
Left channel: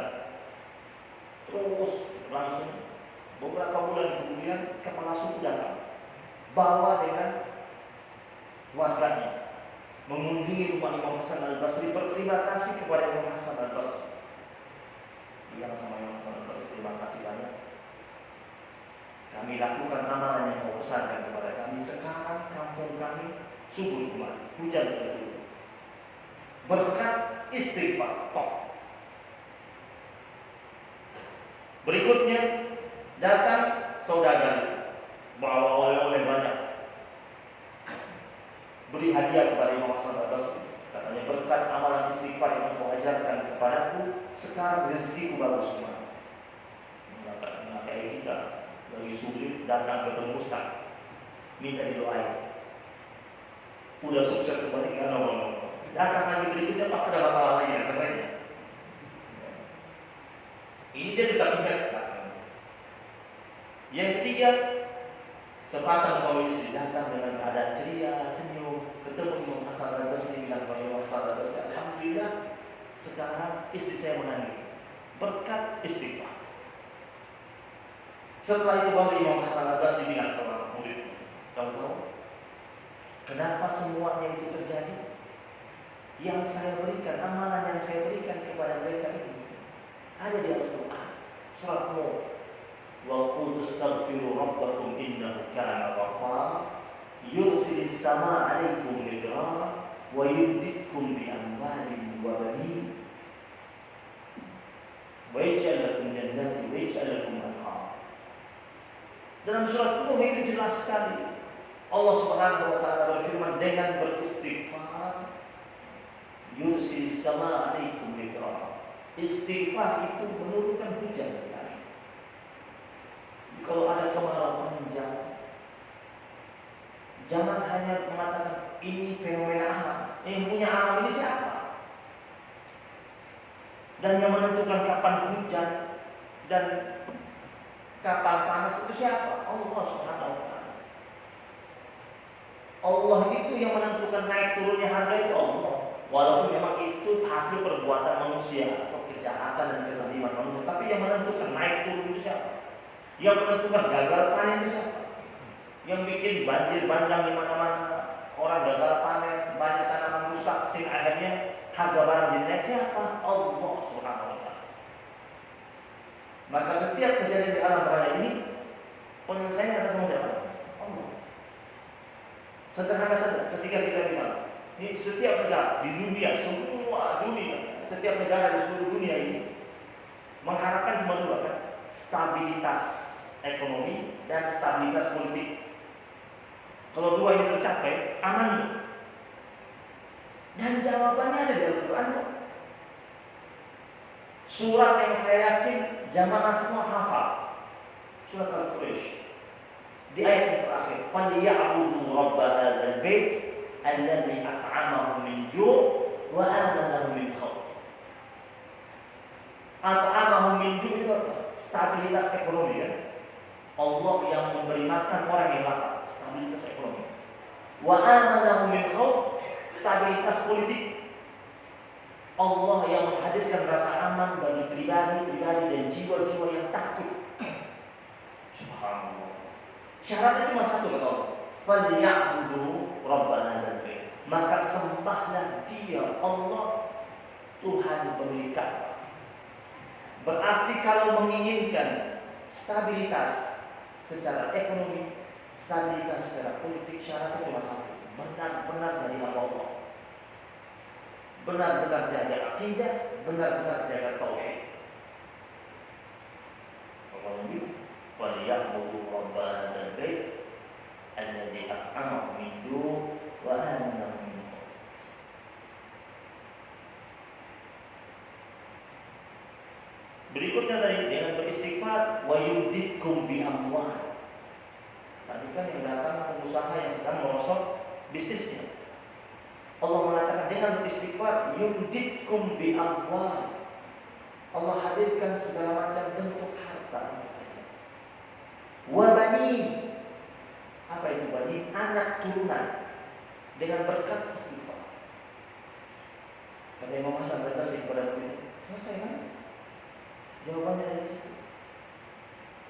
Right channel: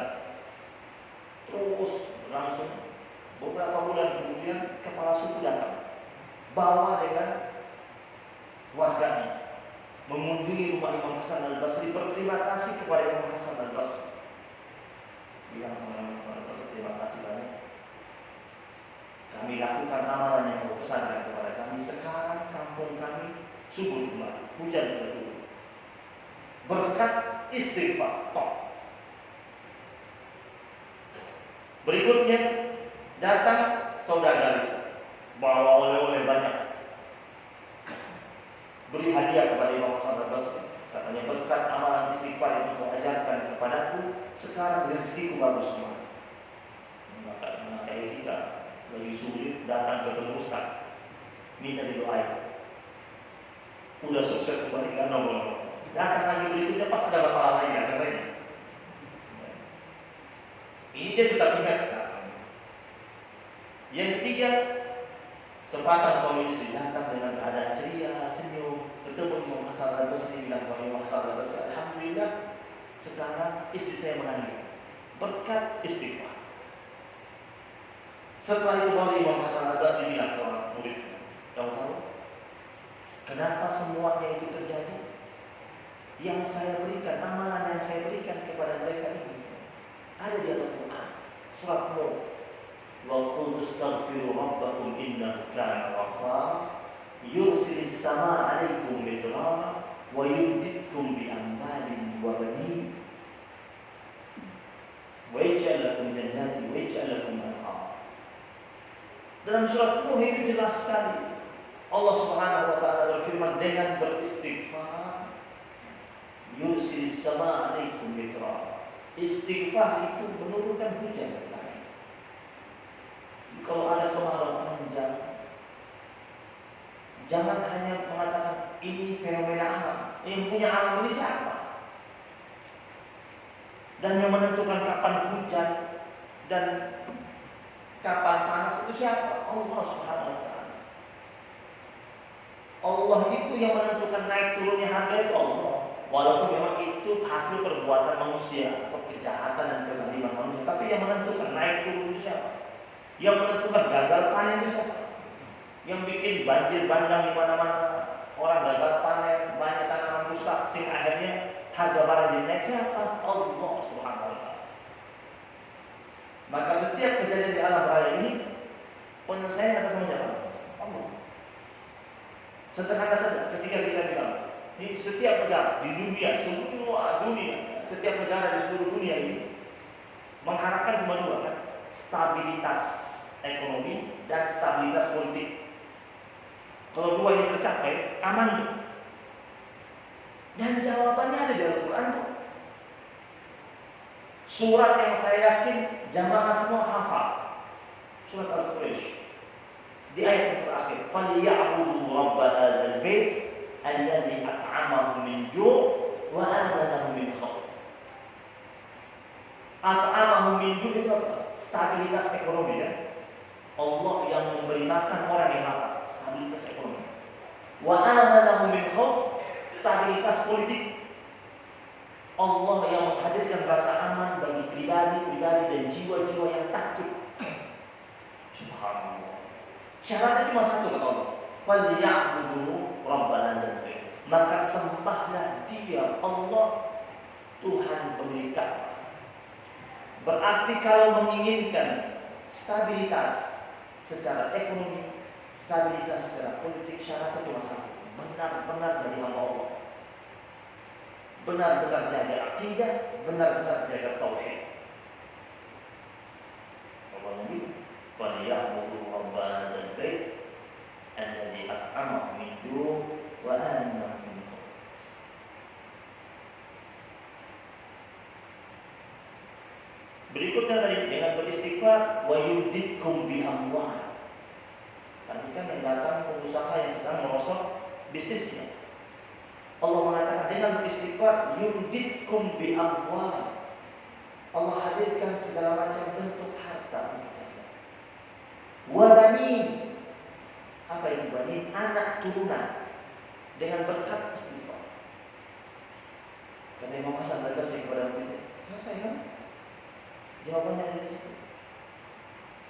terus langsung beberapa bulan kemudian kepala suku datang, bawa dengan warganya mengunjungi rumah Imam Hasan al-Basri, berterima kasih kepada Imam Hasan al-Basri. Bilang sama Imam Hasan al-Basri, terima kasih banyak. Kami lakukan amalan yang kau pesankan kepada kami. Sekarang kampung kami subur kembali, hujan sudah turun. Berkat istighfar. Berikutnya datang saudara, bawa oleh-oleh banyak, beri hadiah kepada Imam Hasan al-Basri. Katanya, berkat amalan istighfar yang kau ajarkan kepadaku, sekarang rezekiku bagus semua. Maka kayak kita lagi sulit datang ketemu Ustaz, minta didoain, udah sukses kembali kan nomor. Datang lagi berikutnya pas ada masalah lagi ya katanya. Ini dia tetap ingat. Yang ketiga, sepasang suami istri datang dengan keadaan ceria, senyum, ketemu Imam Hasan al-Basri, bilang kepada Imam Hasan al-Basri, alhamdulillah sekarang istri saya mengandung berkat istighfar. Setelah itu baru Imam Hasan al-Basri bilang sama murid, tahu-tahu kenapa semuanya itu terjadi? Yang saya berikan, amalan yang saya berikan kepada mereka ini ada di Al-Quran, surat Nur. Wa qul tastaghfiru rabbakum innahu kana ghaffara yursilis samaa 'alaikum midrara wa yumdidkum bi amwalin wa banin wa yaj'al lakum jannatin wa yaj'al lakum anhar. Dalam surat Nuh itu jelas sekali Allah Subhanahu wa taala berfirman, dengan beristighfar yursilis sama alaikum midrara. Istighfar itu menurunkan hujan. Kalau ada kemarau panjang, jangan hanya mengatakan ini fenomena alam. Yang punya alam ini siapa? Dan yang menentukan kapan hujan dan kapan panas itu siapa? Allah Subhanahu wa taala. Allah itu yang menentukan naik turunnya harga itu Allah. Walaupun memang itu hasil perbuatan manusia, kejahatan dan kezaliman manusia, tapi yang menentukan naik turun itu siapa? Yang menentukan gagal panen itu siapa? Yang bikin banjir bandang di mana-mana, orang gagal panen, banyak tanaman rusak, sehingga akhirnya harga barang jadi naik siapa? Allah Subhanahu wa taala. Maka setiap kejadian di alam raya ini penyelesaiannya atas nama siapa? Allah. Sederhana saja ketika kita bilang, ini setiap negara di dunia, semua dunia, setiap negara di seluruh dunia ini mengharapkan cuma dua kan? Stabilitas ekonomi dan stabilitas politik. Kalau dua ini tercapai, aman. Dan jawabannya ada di Al-Quran. Surat yang saya yakin jamaah semua hafal. Surat Al-Quraish. Di ayat yang terakhir, "Falyabudu rabb hadzal bait alladzi at'amahum min ju' wa amanahum min khauf." At'amahum min ju' itu apa? Stabilitas ekonomi ya. Allah yang memberi makan orang yang lapar, stabilitas ekonomi. Wa amanahum min khauf, stabilitas politik. Allah yang menghadirkan rasa aman bagi pribadi-pribadi dan jiwa-jiwa yang takut. Subhanallah. Syaratnya cuma satu kata Allah. Falyabudu rabb hadzal bait. Maka sembahlah Dia, Allah, Tuhan pemilik Ka'bah. Berarti kalau menginginkan stabilitas secara ekonomi, stabilitas secara politik, syaratnya cuma satu. Benar-benar jadi hamba Allah. Benar-benar jaga akidah, benar-benar jaga tauhid. Allah begitu. Falyabudu rabb hadzal bait alladzi at'amahum min ju' wa amanahum min khauf. Berikutnya tadi dengan beristighfar wa yuditkum bi amwal. Tadi kan yang datang pengusaha yang sedang merosot bisnisnya. Allah mengatakan dengan beristighfar yuditkum bi amwal. Allah hadirkan segala macam bentuk harta untuk kalian. Wa banin. Apa itu banin? Anak turunan. Dengan berkat istighfar. Kata Imam Hasan berkata kepada kita, selesai kan? Jawabannya ada di situ.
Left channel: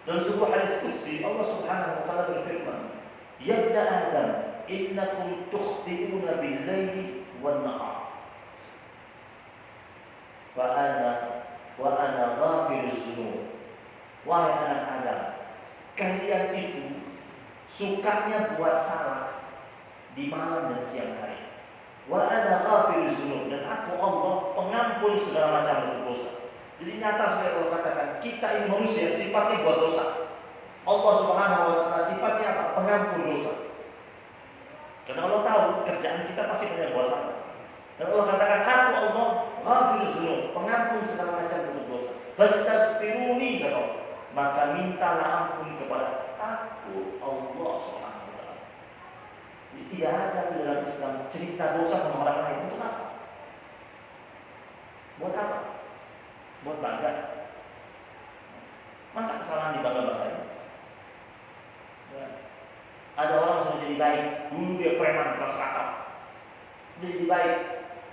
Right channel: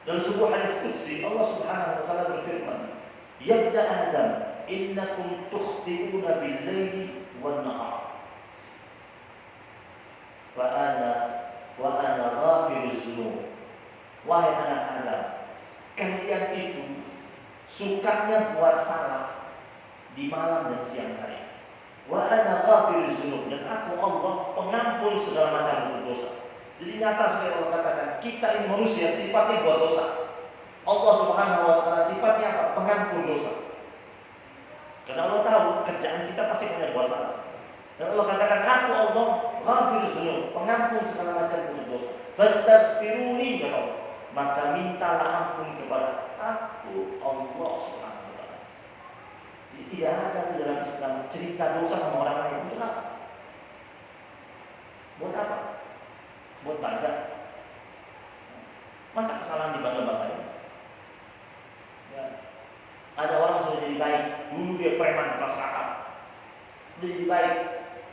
Dalam sebuah hadis qudsi Allah Subhanahu wa taala berfirman, "Ya Adam, innakum tukhti'una bil-laili wan-nahar. Wa ana ghafiruz dzunub." Wahai anak Adam, kalian itu sukanya buat salah di malam dan siang hari. Wa ana ghafiruz dzunub, dan aku Allah pengampun segala macam bentuk dosa. Jadi nyata sekali Allah katakan, kita ini manusia sifatnya buat dosa. Allah Subhanahu wa taala sifatnya apa? Pengampun dosa. Karena Allah tahu kerjaan kita pasti banyak buat salah. Dan Allah katakan, aku Allah ghafiruz dzunub, pengampun segala macam bentuk dosa. Fastaghfiruni, maka mintalah ampun kepada aku, Allah Subhanahu wa taala. Jadi tidak ada di dalam Islam cerita dosa sama orang lain. Untuk apa? Buat apa? Buat bangga. Masa kesalahan dibangga-banggain? Ada orang sudah jadi baik, dulu dia preman kelas kakak, udah jadi baik,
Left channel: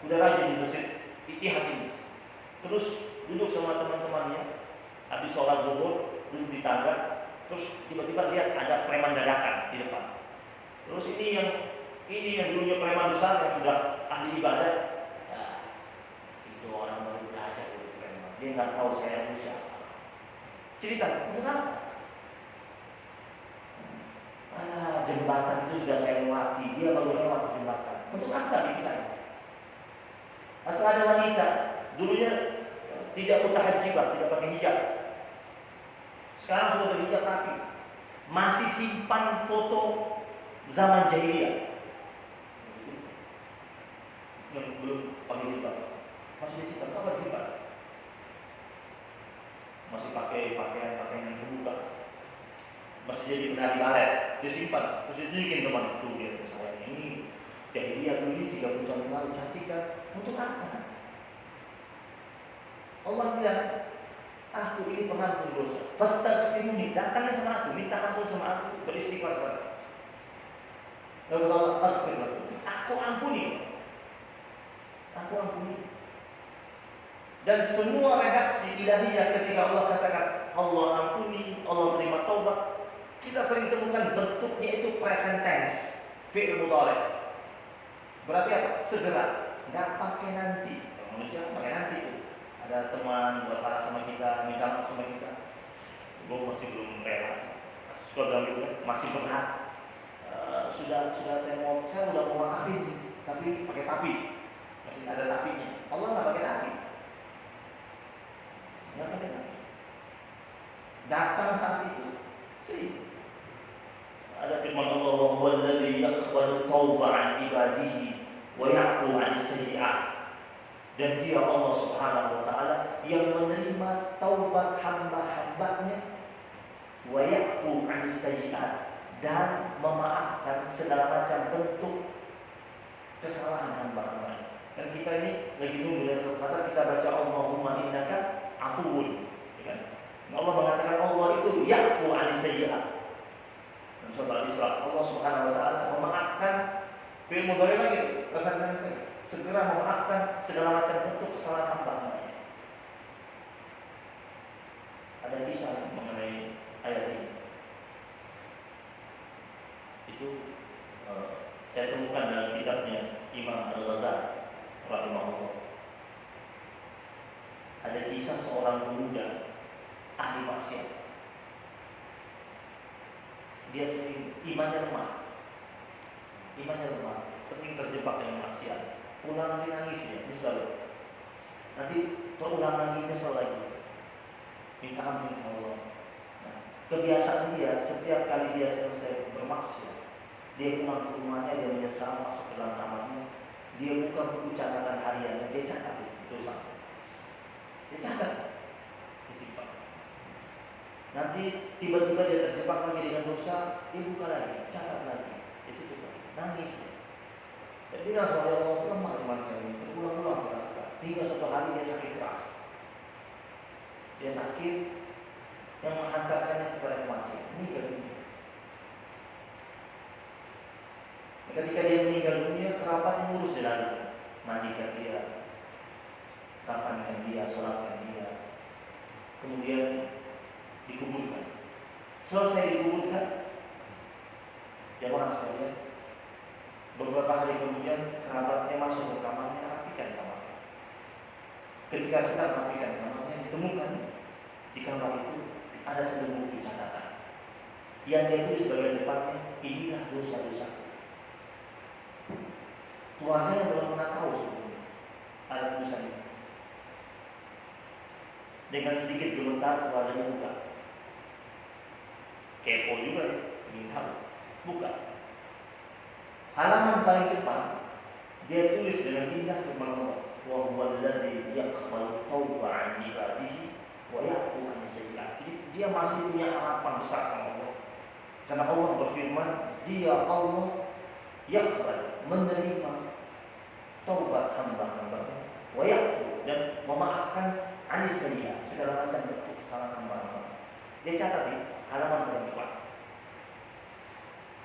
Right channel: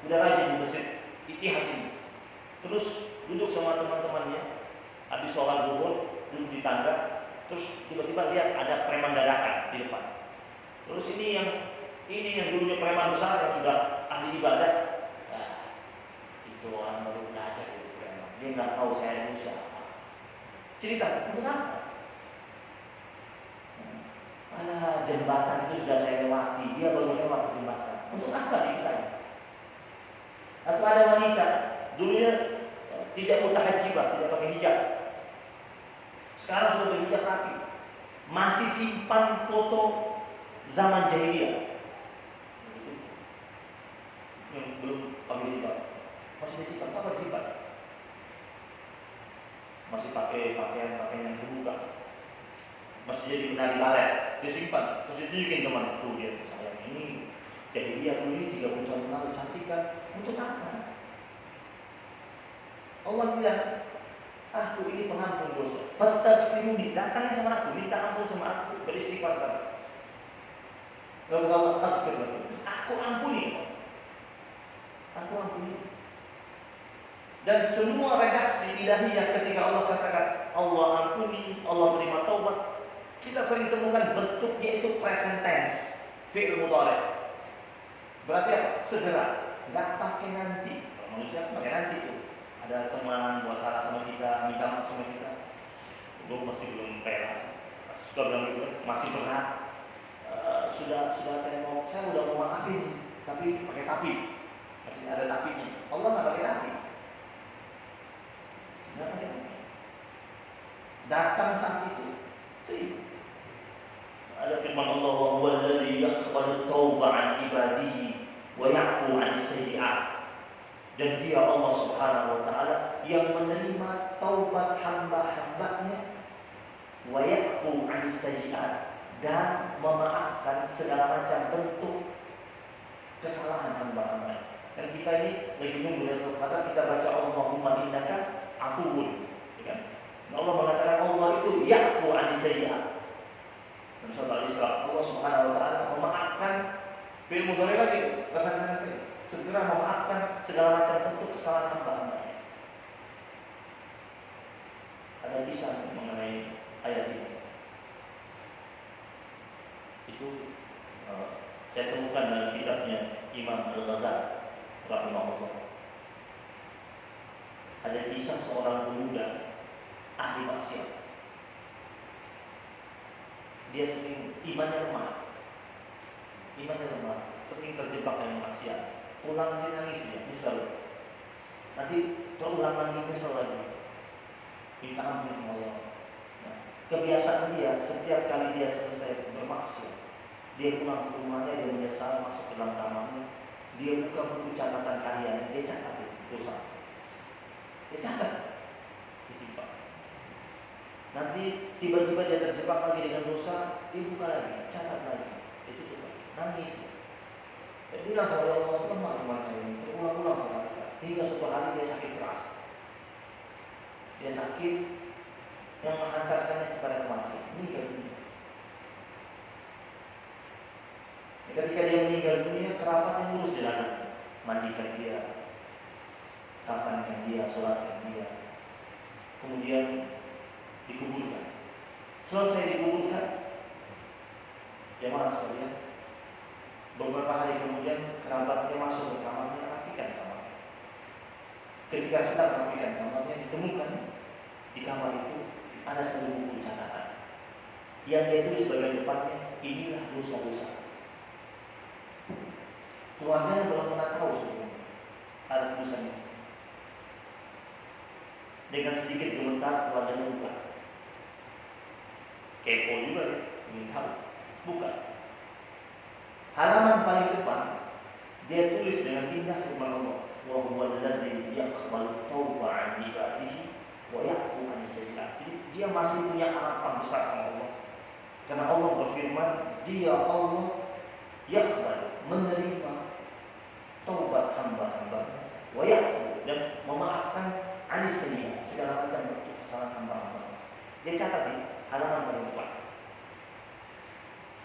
udah rajin di masjid Ittihad ini. Terus duduk sama teman-temannya, habis sholat zuhur, duduk di tangga, terus tiba-tiba lihat ada preman dadakan di depan. Terus ini yang dulunya preman besar yang sudah ahli ibadah, nah, itu orang baru belajar dari preman. Dia nggak tahu saya ini siapa. Cerita, itu kan? Alah, jembatan itu sudah saya lewati, dia baru lewat di jembatan. Untuk apa diri saya? Atau ada wanita, dulunya tidak mutahajjibah, tidak pakai hijab. Sekarang sudah berhijab rapi. Masih simpan foto zaman jahiliyah. Yang belum pakai jilbab masih disimpan, apa disimpan? Masih pakai pakaian yang terbuka, masih jadi penari balet, disimpan, terus ditunjukin teman tuh dia, saya ini jahiliyah dulu 30 tahun lalu cantik kan? Untuk apa? Allah bilang, aku ini pengampun dosa. Fastaghfiruni, datangnya sama aku, minta ampun sama aku, beristighfar kepada aku. Lalu Allah aghfir lakum, aku ampuni. Aku ampuni. Dan semua redaksi ilahiyah ketika Allah katakan Allah ampuni, Allah terima taubat, kita sering temukan bentuknya itu present tense, fi'il mudhari'. Berarti apa? Segera, nggak pakai nanti. Kalau manusia pakai nanti itu. Ada teman buat salah sama kita, minta maaf sama kita, gue masih belum rela, suka bilang gitu kan, masih berat. Sudah saya udah mau maafin sih, tapi pakai tapi, masih ada tapinya. Allah nggak pakai tapi. Datang saat itu. Ada firman Allah, wa huwallazi yaqbalu tauba an ibadihi wa ya'fu 'anis sayyi'at. Dan dia Allah Subhanahu wa taala yang menerima taubat hamba-hambanya, wa ya'fu 'anis sayyi'at, dan memaafkan segala macam bentuk kesalahan hamba-hambanya. Dan kita ini lagi nunggu dan kata kita baca Allahumma innaka afuwun, ya kan? Allah mengatakan Allah itu ya'fu 'anis sayyi'at. Dan surah Al-Isra Allah Subhanahu wa taala memaafkan, fi'il mudhari lagi, rasanya sekali, segera memaafkan segala macam bentuk kesalahan hamba-hambanya. Ada kisah mengenai ayat ini. Itu saya temukan dalam kitabnya Imam Al-Ghazali rahimahullah. Ada kisah seorang pemuda ahli maksiat. Dia sering imannya lemah, sering terjebak dengan maksiat. Pulangnya nangis dia, nyesel. Nanti terulang lagi, nyesel lagi. Minta ampun sama Allah. Nah, kebiasaan dia setiap kali dia selesai bermaksiat, dia pulang ke rumahnya, dia menyesal, masuk ke dalam kamarnya, dia buka buku catatan hariannya, dia catat dosa. Dia catat. Nanti tiba-tiba dia terjebak lagi dengan dosa, dia buka lagi, catat lagi, itu coba nangis. Dan dia bilang sama Allah, lemah iman saya ini, berulang-ulang saya lakukan. Hingga suatu hari dia sakit keras. Dia sakit yang menghantarkannya kepada kematian, meninggal dunia. Ketika dia meninggal dunia, kerabat yang ngurus jenazah, mandikan dia, kafankan dia, sholatkan dia, kemudian dikuburkan. Selesai dikuburkan, jamaah sekalian, beberapa hari kemudian kerabatnya masuk ke kamarnya, rapikan kamarnya. Ketika sedang rapikan kamarnya, ditemukan di kamar itu ada sebuah buku catatan yang dia tulis bagian depannya, inilah dosa-dosa. Keluarganya belum pernah tahu sebelumnya ada tulisannya. Dengan sedikit gemetar keluarganya buka. Kepo juga ya, ingin tahu. Buka. Halaman paling depan dia tulis dengan indah firman Allah, wa huwal ladzi yaqbalu tauba 'an ibadihi wa ya'fu 'an sayyi'at. Jadi dia masih punya harapan besar sama Allah. Karena Allah berfirman, dia Allah yaqbal, menerima taubat hamba-hambanya, wa ya'fu, dan memaafkan 'an sayyi'at, segala macam bentuk kesalahan hamba-hamba. Dia catat di halaman paling depan.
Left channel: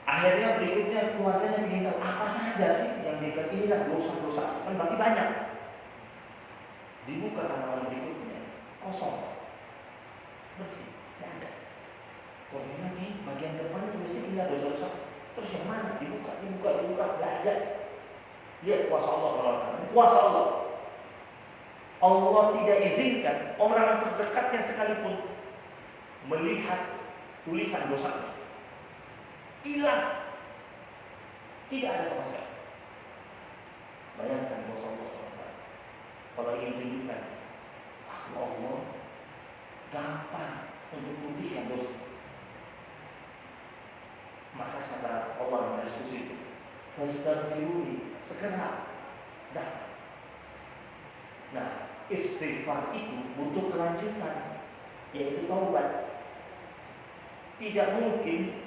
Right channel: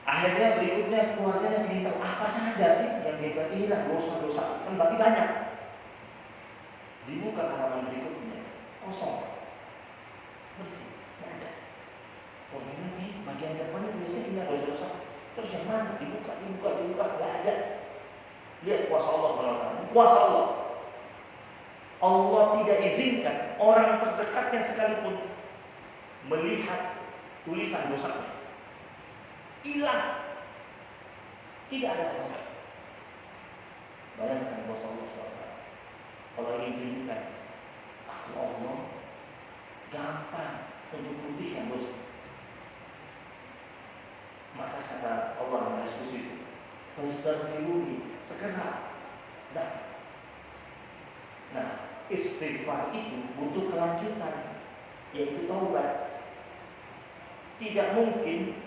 Akhirnya berikutnya keluarganya ingin tahu apa saja sih yang dia buat, inilah dosa-dosa, kan berarti banyak. Dibuka halaman berikutnya, kosong, bersih, tidak ada. Keluarganya ini bagian depannya tulisnya inilah dosa-dosa. Terus yang mana? Dibuka, tidak ada. Lihat kuasa Allah, kuasa Allah. Allah tidak izinkan orang terdekatnya sekalipun melihat tulisan dosanya. Hilang, tidak ada sama sekali. Bayangkan dosa Allah SWT. Kalau ingin tunjukkan Allah gampang untuk pulihkan dosa, maka kata Allah yang diskusi, fastaghfiruni, segera datang. Nah, istighfar itu butuh kelanjutan, yaitu taubat. Tidak mungkin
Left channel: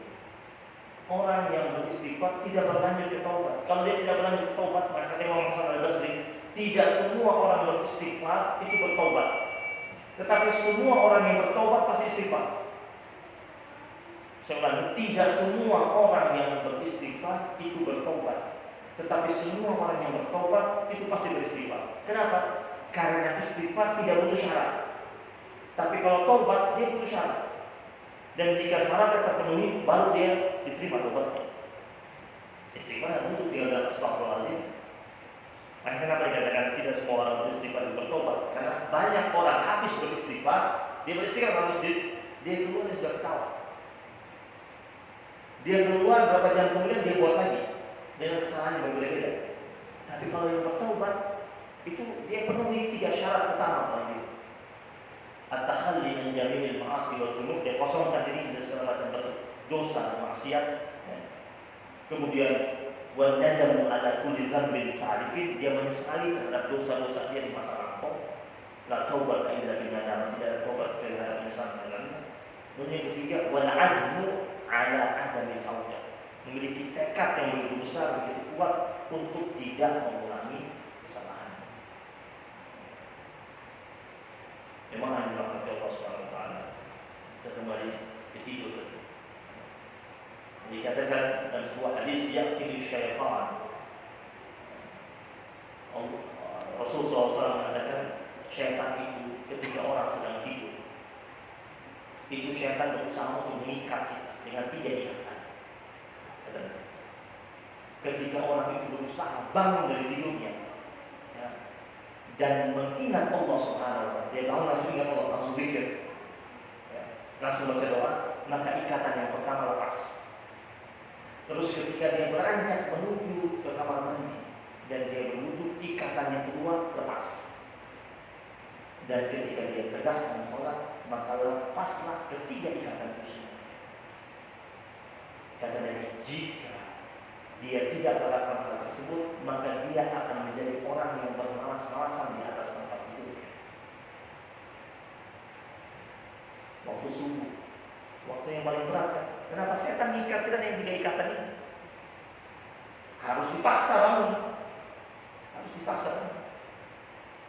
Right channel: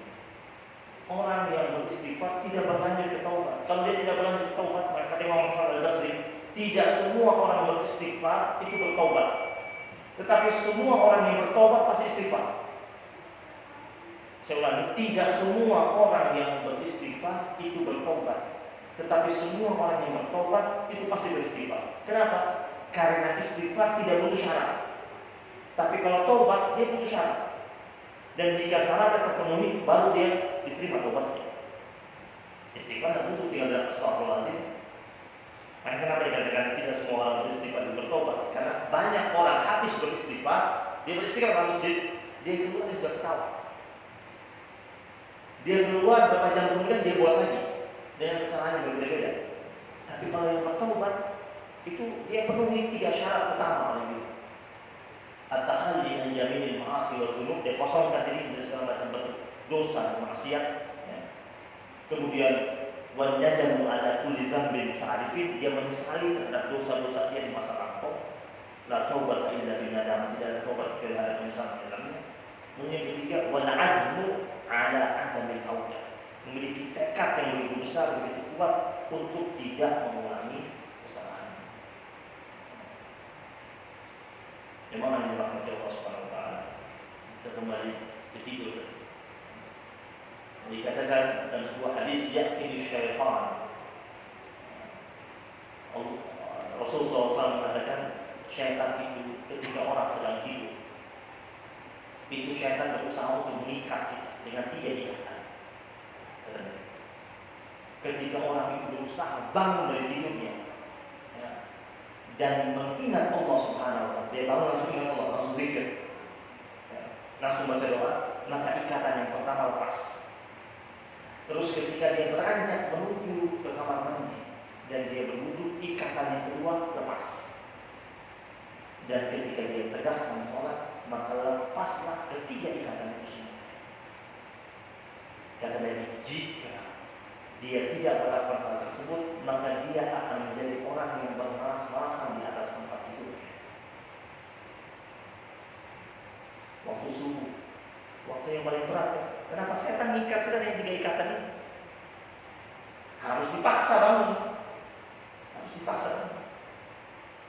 orang yang beristighfar tidak berlanjut ke taubat. Kalau dia tidak berlanjut ke taubat, maka kata Imam Hasan Al-Basri, tidak semua orang beristighfar itu bertaubat. Tetapi semua orang yang bertaubat pasti istighfar. Saya ulangi, tidak semua orang yang beristighfar itu bertaubat. Tetapi semua orang yang bertaubat itu pasti beristighfar. Kenapa? Karena istighfar tidak butuh syarat. Tapi kalau taubat dia butuh syarat. Dan jika syaratnya terpenuhi, baru dia diterima taubatnya. Istighfar butuh tinggal astagfirullahaladzim. Makanya kenapa dikatakan tidak semua orang beristighfar dan bertobat? Karena banyak orang habis beristighfar, dia beristighfar di masjid, dia keluar dia sudah ketawa. Dia keluar beberapa jam kemudian dia buat lagi dengan kesalahan yang berbeda-beda. Tapi kalau yang bertobat itu dia penuhi 3 syarat utama ini. At-takhalli min jami'il ma'asi wa dzunub, dia kosongkan diri dari segala macam bentuk dosa dan maksiat. Kemudian wa nadamu ala kulli dzambin sa'rifin, dia menyesali terhadap dosa-dosa dia di masa lampau. La taubat illa billah, tidak ada taubat kecuali ada penyesalan dalamnya. Kemudian yang ketiga, wal azmu ala adamil taubat, memiliki tekad yang begitu besar, begitu kuat untuk tidak mengulangi kesalahan. Memang hanya dirahmati Allah Subhanahu wa taala. Kita kembali ke tidur. Dikatakan dalam sebuah hadis, yaqini syaitan. Rasulullah SAW mengatakan syaitan itu ketika orang sedang tidur, itu syaitan berusaha untuk mengikat kita dengan 3 ikatan. Ketika orang itu berusaha bangun dari tidurnya, ya, dan mengingat Allah Subhanahu wa taala, dia bangun langsung ingat Allah, langsung zikir, ya, langsung baca doa, maka ikatan yang pertama lepas. Terus ketika dia beranjak menuju ke kamar mandi dan dia berwudu, ikatan yang kedua lepas. Dan ketika dia tegakkan sholat, maka lepaslah ketiga ikatan itu semua. Kata Nabi, jika dia tidak melakukan hal tersebut, maka dia akan menjadi orang yang bermalas-malasan di atas tempat tidurnya. Waktu subuh, waktu yang paling berat kan? Kenapa setan ngikat kita dengan 3 ikatan ini? Harus dipaksa bangun, harus dipaksa bangun.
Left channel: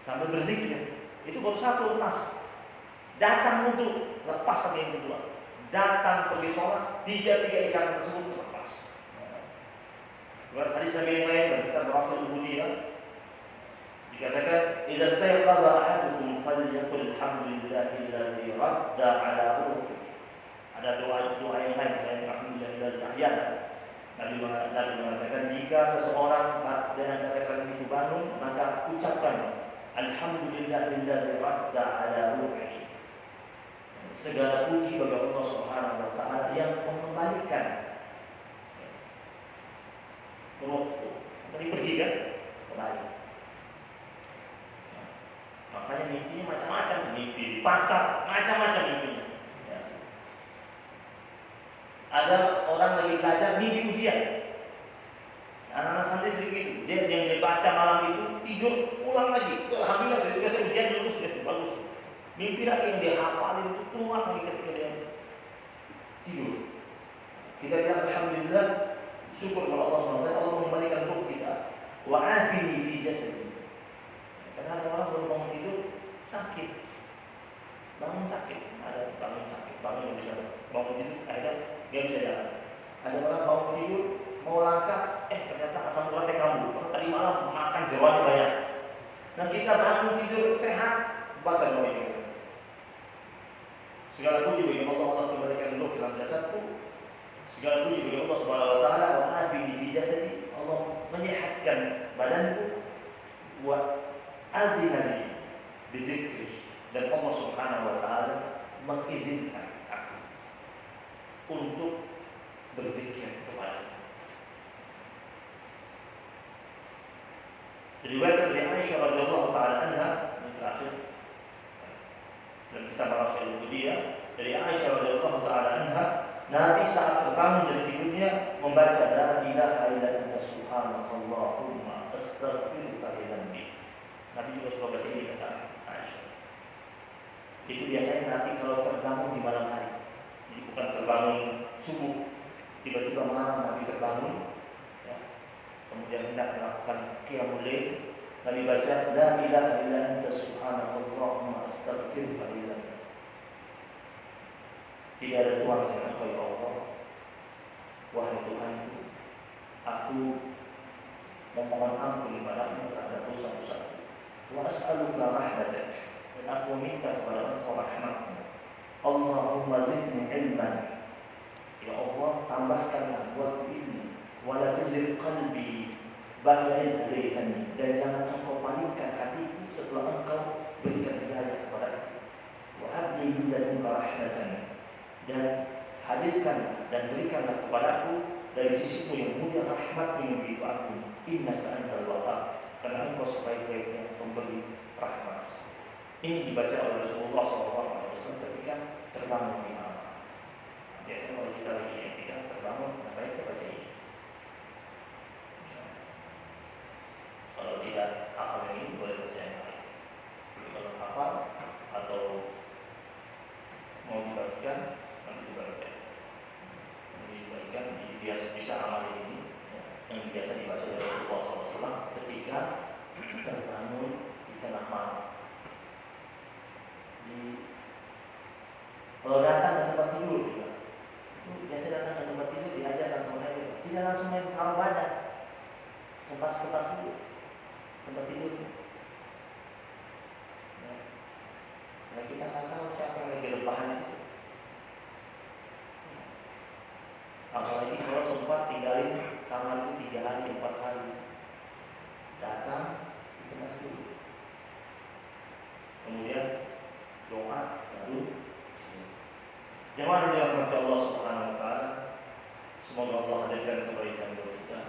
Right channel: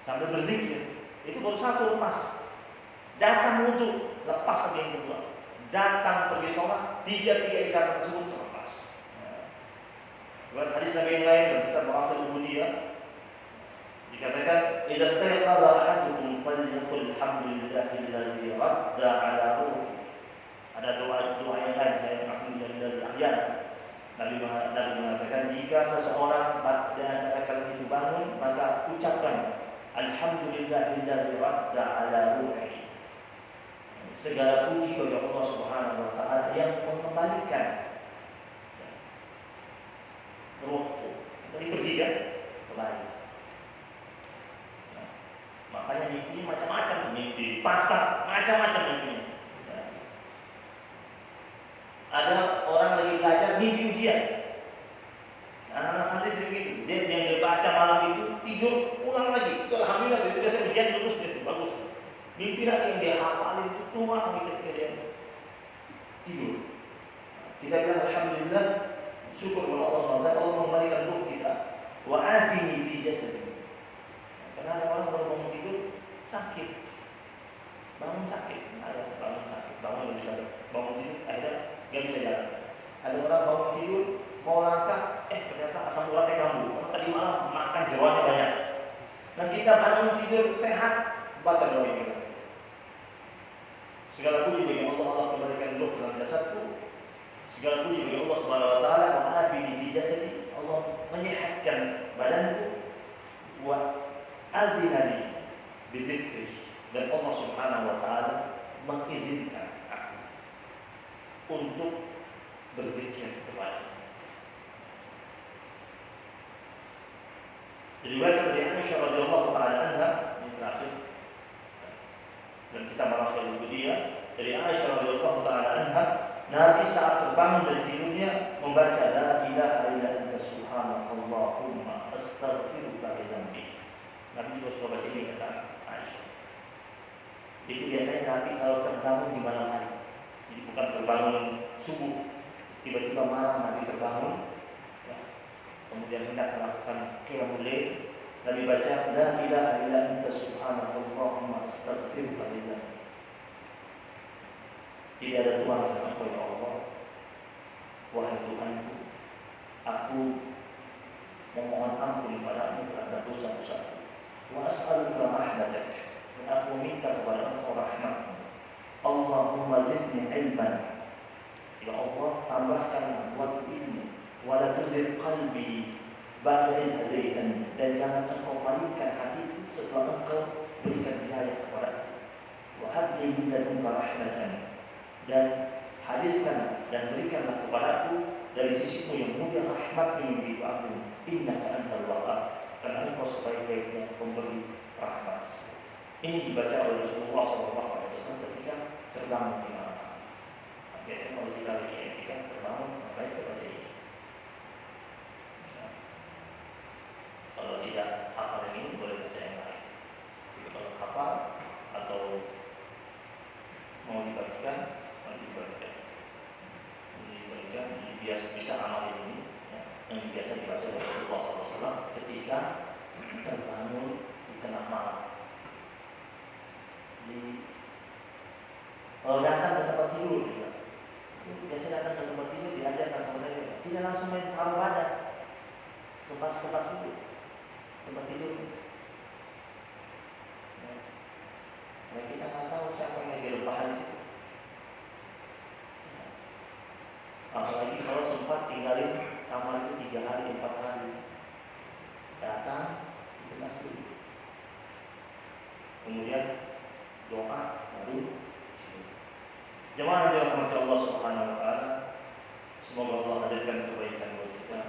Sambil berzikir, itu baru 1 lepas. Datang wudu, lepas lagi yang kedua. Datang pergi sholat, 3 ikatan tersebut lepas. Buat hadis Nabi yang lain dan kita berakhir ubudiyah, dikatakan, "Idza stayqadha ahadukum falyaqul alhamdulillahilladzi radda 'ala ruhi." Ada doa yang lain selain alhamdulillahilladzi ahyana. Nabi mengatakan, jika seseorang di antara kalian itu bangun, maka ucapkan alhamdulillahilladzi radda 'ala ruhi. Segala puji bagi Allah Subhanahu wa taala yang mengembalikan rohku. Tadi pergi kan? Kembali. Makanya mimpinya macam-macam, mimpi di pasar, macam-macam mimpinya. Ya. Ada orang lagi belajar mimpi ujian. Anak-anak santri sering gitu. Dia yang dia baca malam itu tidur ulang lagi. Itu alhamdulillah dia biasa ujian lulus gitu, bagus. Mimpi lagi yang dia hafalin itu keluar lagi ketika dia tidur. Kita bilang alhamdulillah, syukur kepada Allah SWT, Allah mengembalikan ruh kita. Wa afihi fi jasadi. Karena ada orang baru bangun tidur sakit, bangun sakit, ada bangun sakit, bangun nggak bisa bangun tidur, akhirnya nggak bisa jalan. Ada orang bangun tidur mau langkah, ternyata asam uratnya kambuh. Tadi malam makan jeroannya banyak. Nah kita bangun tidur sehat, baca doa ini. Segala puji bagi Allah, Allah kembalikan ruh dalam jasadku. Segala puji bagi Allah Subhanahu wa taala, wa afini fi jasadi, Allah menyehatkan badanku, wa azinani bi dzikri, dan Allah Subhanahu wa taala mengizinkan aku untuk berzikir kepada. Riwayat dari Aisyah radhiyallahu taala anha yang terakhir, dan kita bahas dari dia, dari Aisyah radhiyallahu taala anha, Nabi saat terbangun dari tidurnya membaca la ilaha illa anta subhanakallahumma astaghfiruka li dzambi. Nabi juga suka baca ini kata Aisyah. Itu biasanya Nabi kalau terbangun di malam hari. Jadi bukan terbangun subuh, tiba-tiba malam Nabi terbangun, ya. Kemudian hendak melakukan qiyamul lail, Nabi baca la ilaha illa anta subhanakallahumma astaghfiruka li dzambi. Tidak ada Tuhan selain Engkau ya Allah. Wahai Tuhanku, aku memohon ampun kepadamu terhadap dosa-dosaku. Wa as'aluka rahmatak, dan aku minta kepada Engkau rahmatmu. Allahumma zidni ilman, ya Allah tambahkanlah buat ilmu. Wa la tuzigh qalbi ba'da idh hadaitani, dan jangan Engkau palingkan hatiku setelah Engkau berikan hidayah kepadaku. Wa habli min ladunka rahmatan, dan hadirkan dan berikanlah kepadaku dari sisimu yang mulia rahmat yang begitu agung. Innaka antal wahhab, karena Engkau sebaik-baiknya pemberi rahmat. Ini dibaca oleh Rasulullah SAW ketika terbangun di malam. Biasanya kalau kita ketika terbangun, baik kita baca ini. Kalau tidak hafal ini boleh baca yang lain. Jadi kalau hafal atau mau dibagikan, biasa bisa amal ini, ya, yang biasa dibaca oleh Rasulullah SAW ketika terbangun di tengah malam. Kalau datang ke tempat tidur, ya, itu biasa datang ke tempat tidur diajarkan sama Nabi, tidak langsung main taruh badan, kepas dulu tempat tidur. Ya. Nah, kita nggak tahu siapa yang lagi rebahan di situ. Apalagi kalau sempat tinggalin kamar itu 3 hari, 4 hari, datang dikemas dulu, kemudian doa baru. Jemaah yang dirahmati Allah Subhanahu Wa Taala, semoga Allah hadirkan kebaikan buat kita.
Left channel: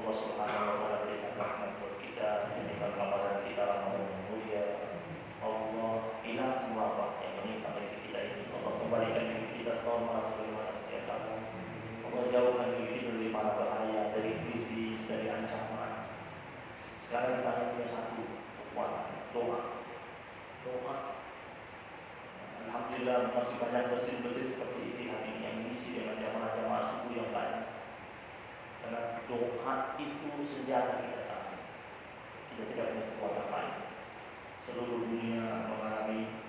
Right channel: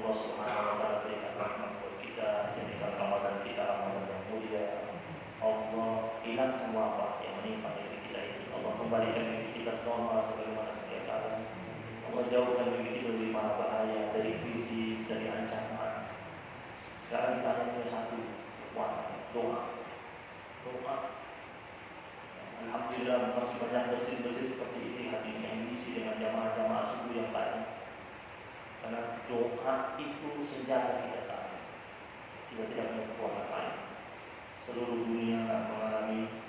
Allah Subhanahu Wa Taala berikan rahmat buat kita, jadikan Ramadan kita Ramadan yang mulia. Allah hilangkan wabah yang menimpa negeri kita ini. Allah kembalikan negeri kita normal sebagaimana sedia kala. Allah jauhkan negeri kita dari mara bahaya, dari krisis, dari ancaman. Sekarang kita hanya punya satu kekuatan, doa. Alhamdulillah masih banyak masjid-masjid seperti ini hari ini yang diisi dengan jamaah-jamaah subuh yang banyak. Karena doa itu senjata kita saat ini. Kita tidak punya kekuatan lain. Seluruh dunia mengalami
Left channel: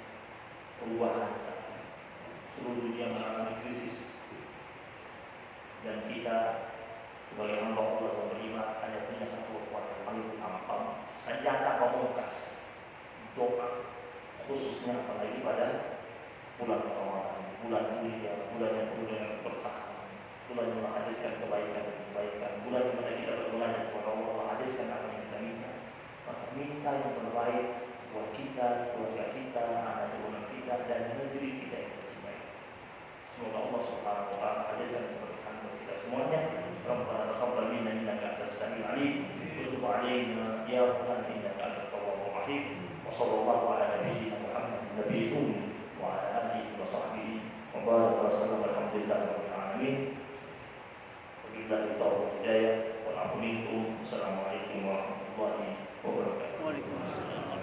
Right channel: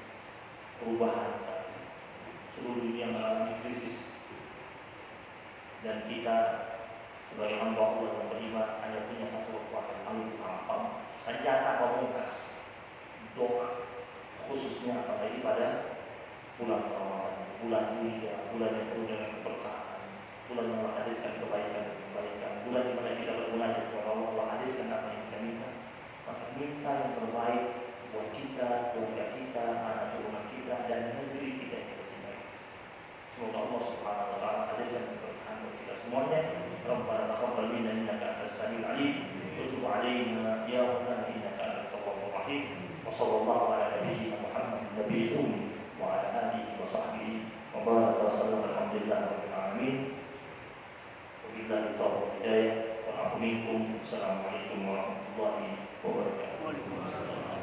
perubahan saat ini. Seluruh dunia mengalami krisis. Dan kita sebagai hamba Allah yang beriman hanya punya satu kekuatan paling utama, senjata pamungkas, doa. Khususnya apalagi pada bulan Ramadan, bulan mulia, bulan yang penuh dengan keberkahan, bulan yang menghadirkan kebaikan, bulan di mana kita bermunajat kepada Allah, hadirkan apa yang kita minta. Maka minta yang terbaik buat kita, keluarga kita, anak turunan kita, dan negeri kita yang kita cintai. Semoga Allah Subhanahu Wa Taala hadirkan keberkahan buat kita semuanya. Rabbana taqabbal minna innaka antas samiul alim, wa tub 'alaina ya rabbana innaka antat tawwabur rahim. Wa sallallahu ala nabiyyina Muhammadin nabiyil ummi wa ala alihi wa sahbihi wa baraka wa sallam. Alhamdulillahi rabbil alamin. Wabillahi taufiq hidayah. Wa a'udzu bikum. Assalamualaikum warahmatullahi wabarakatuh.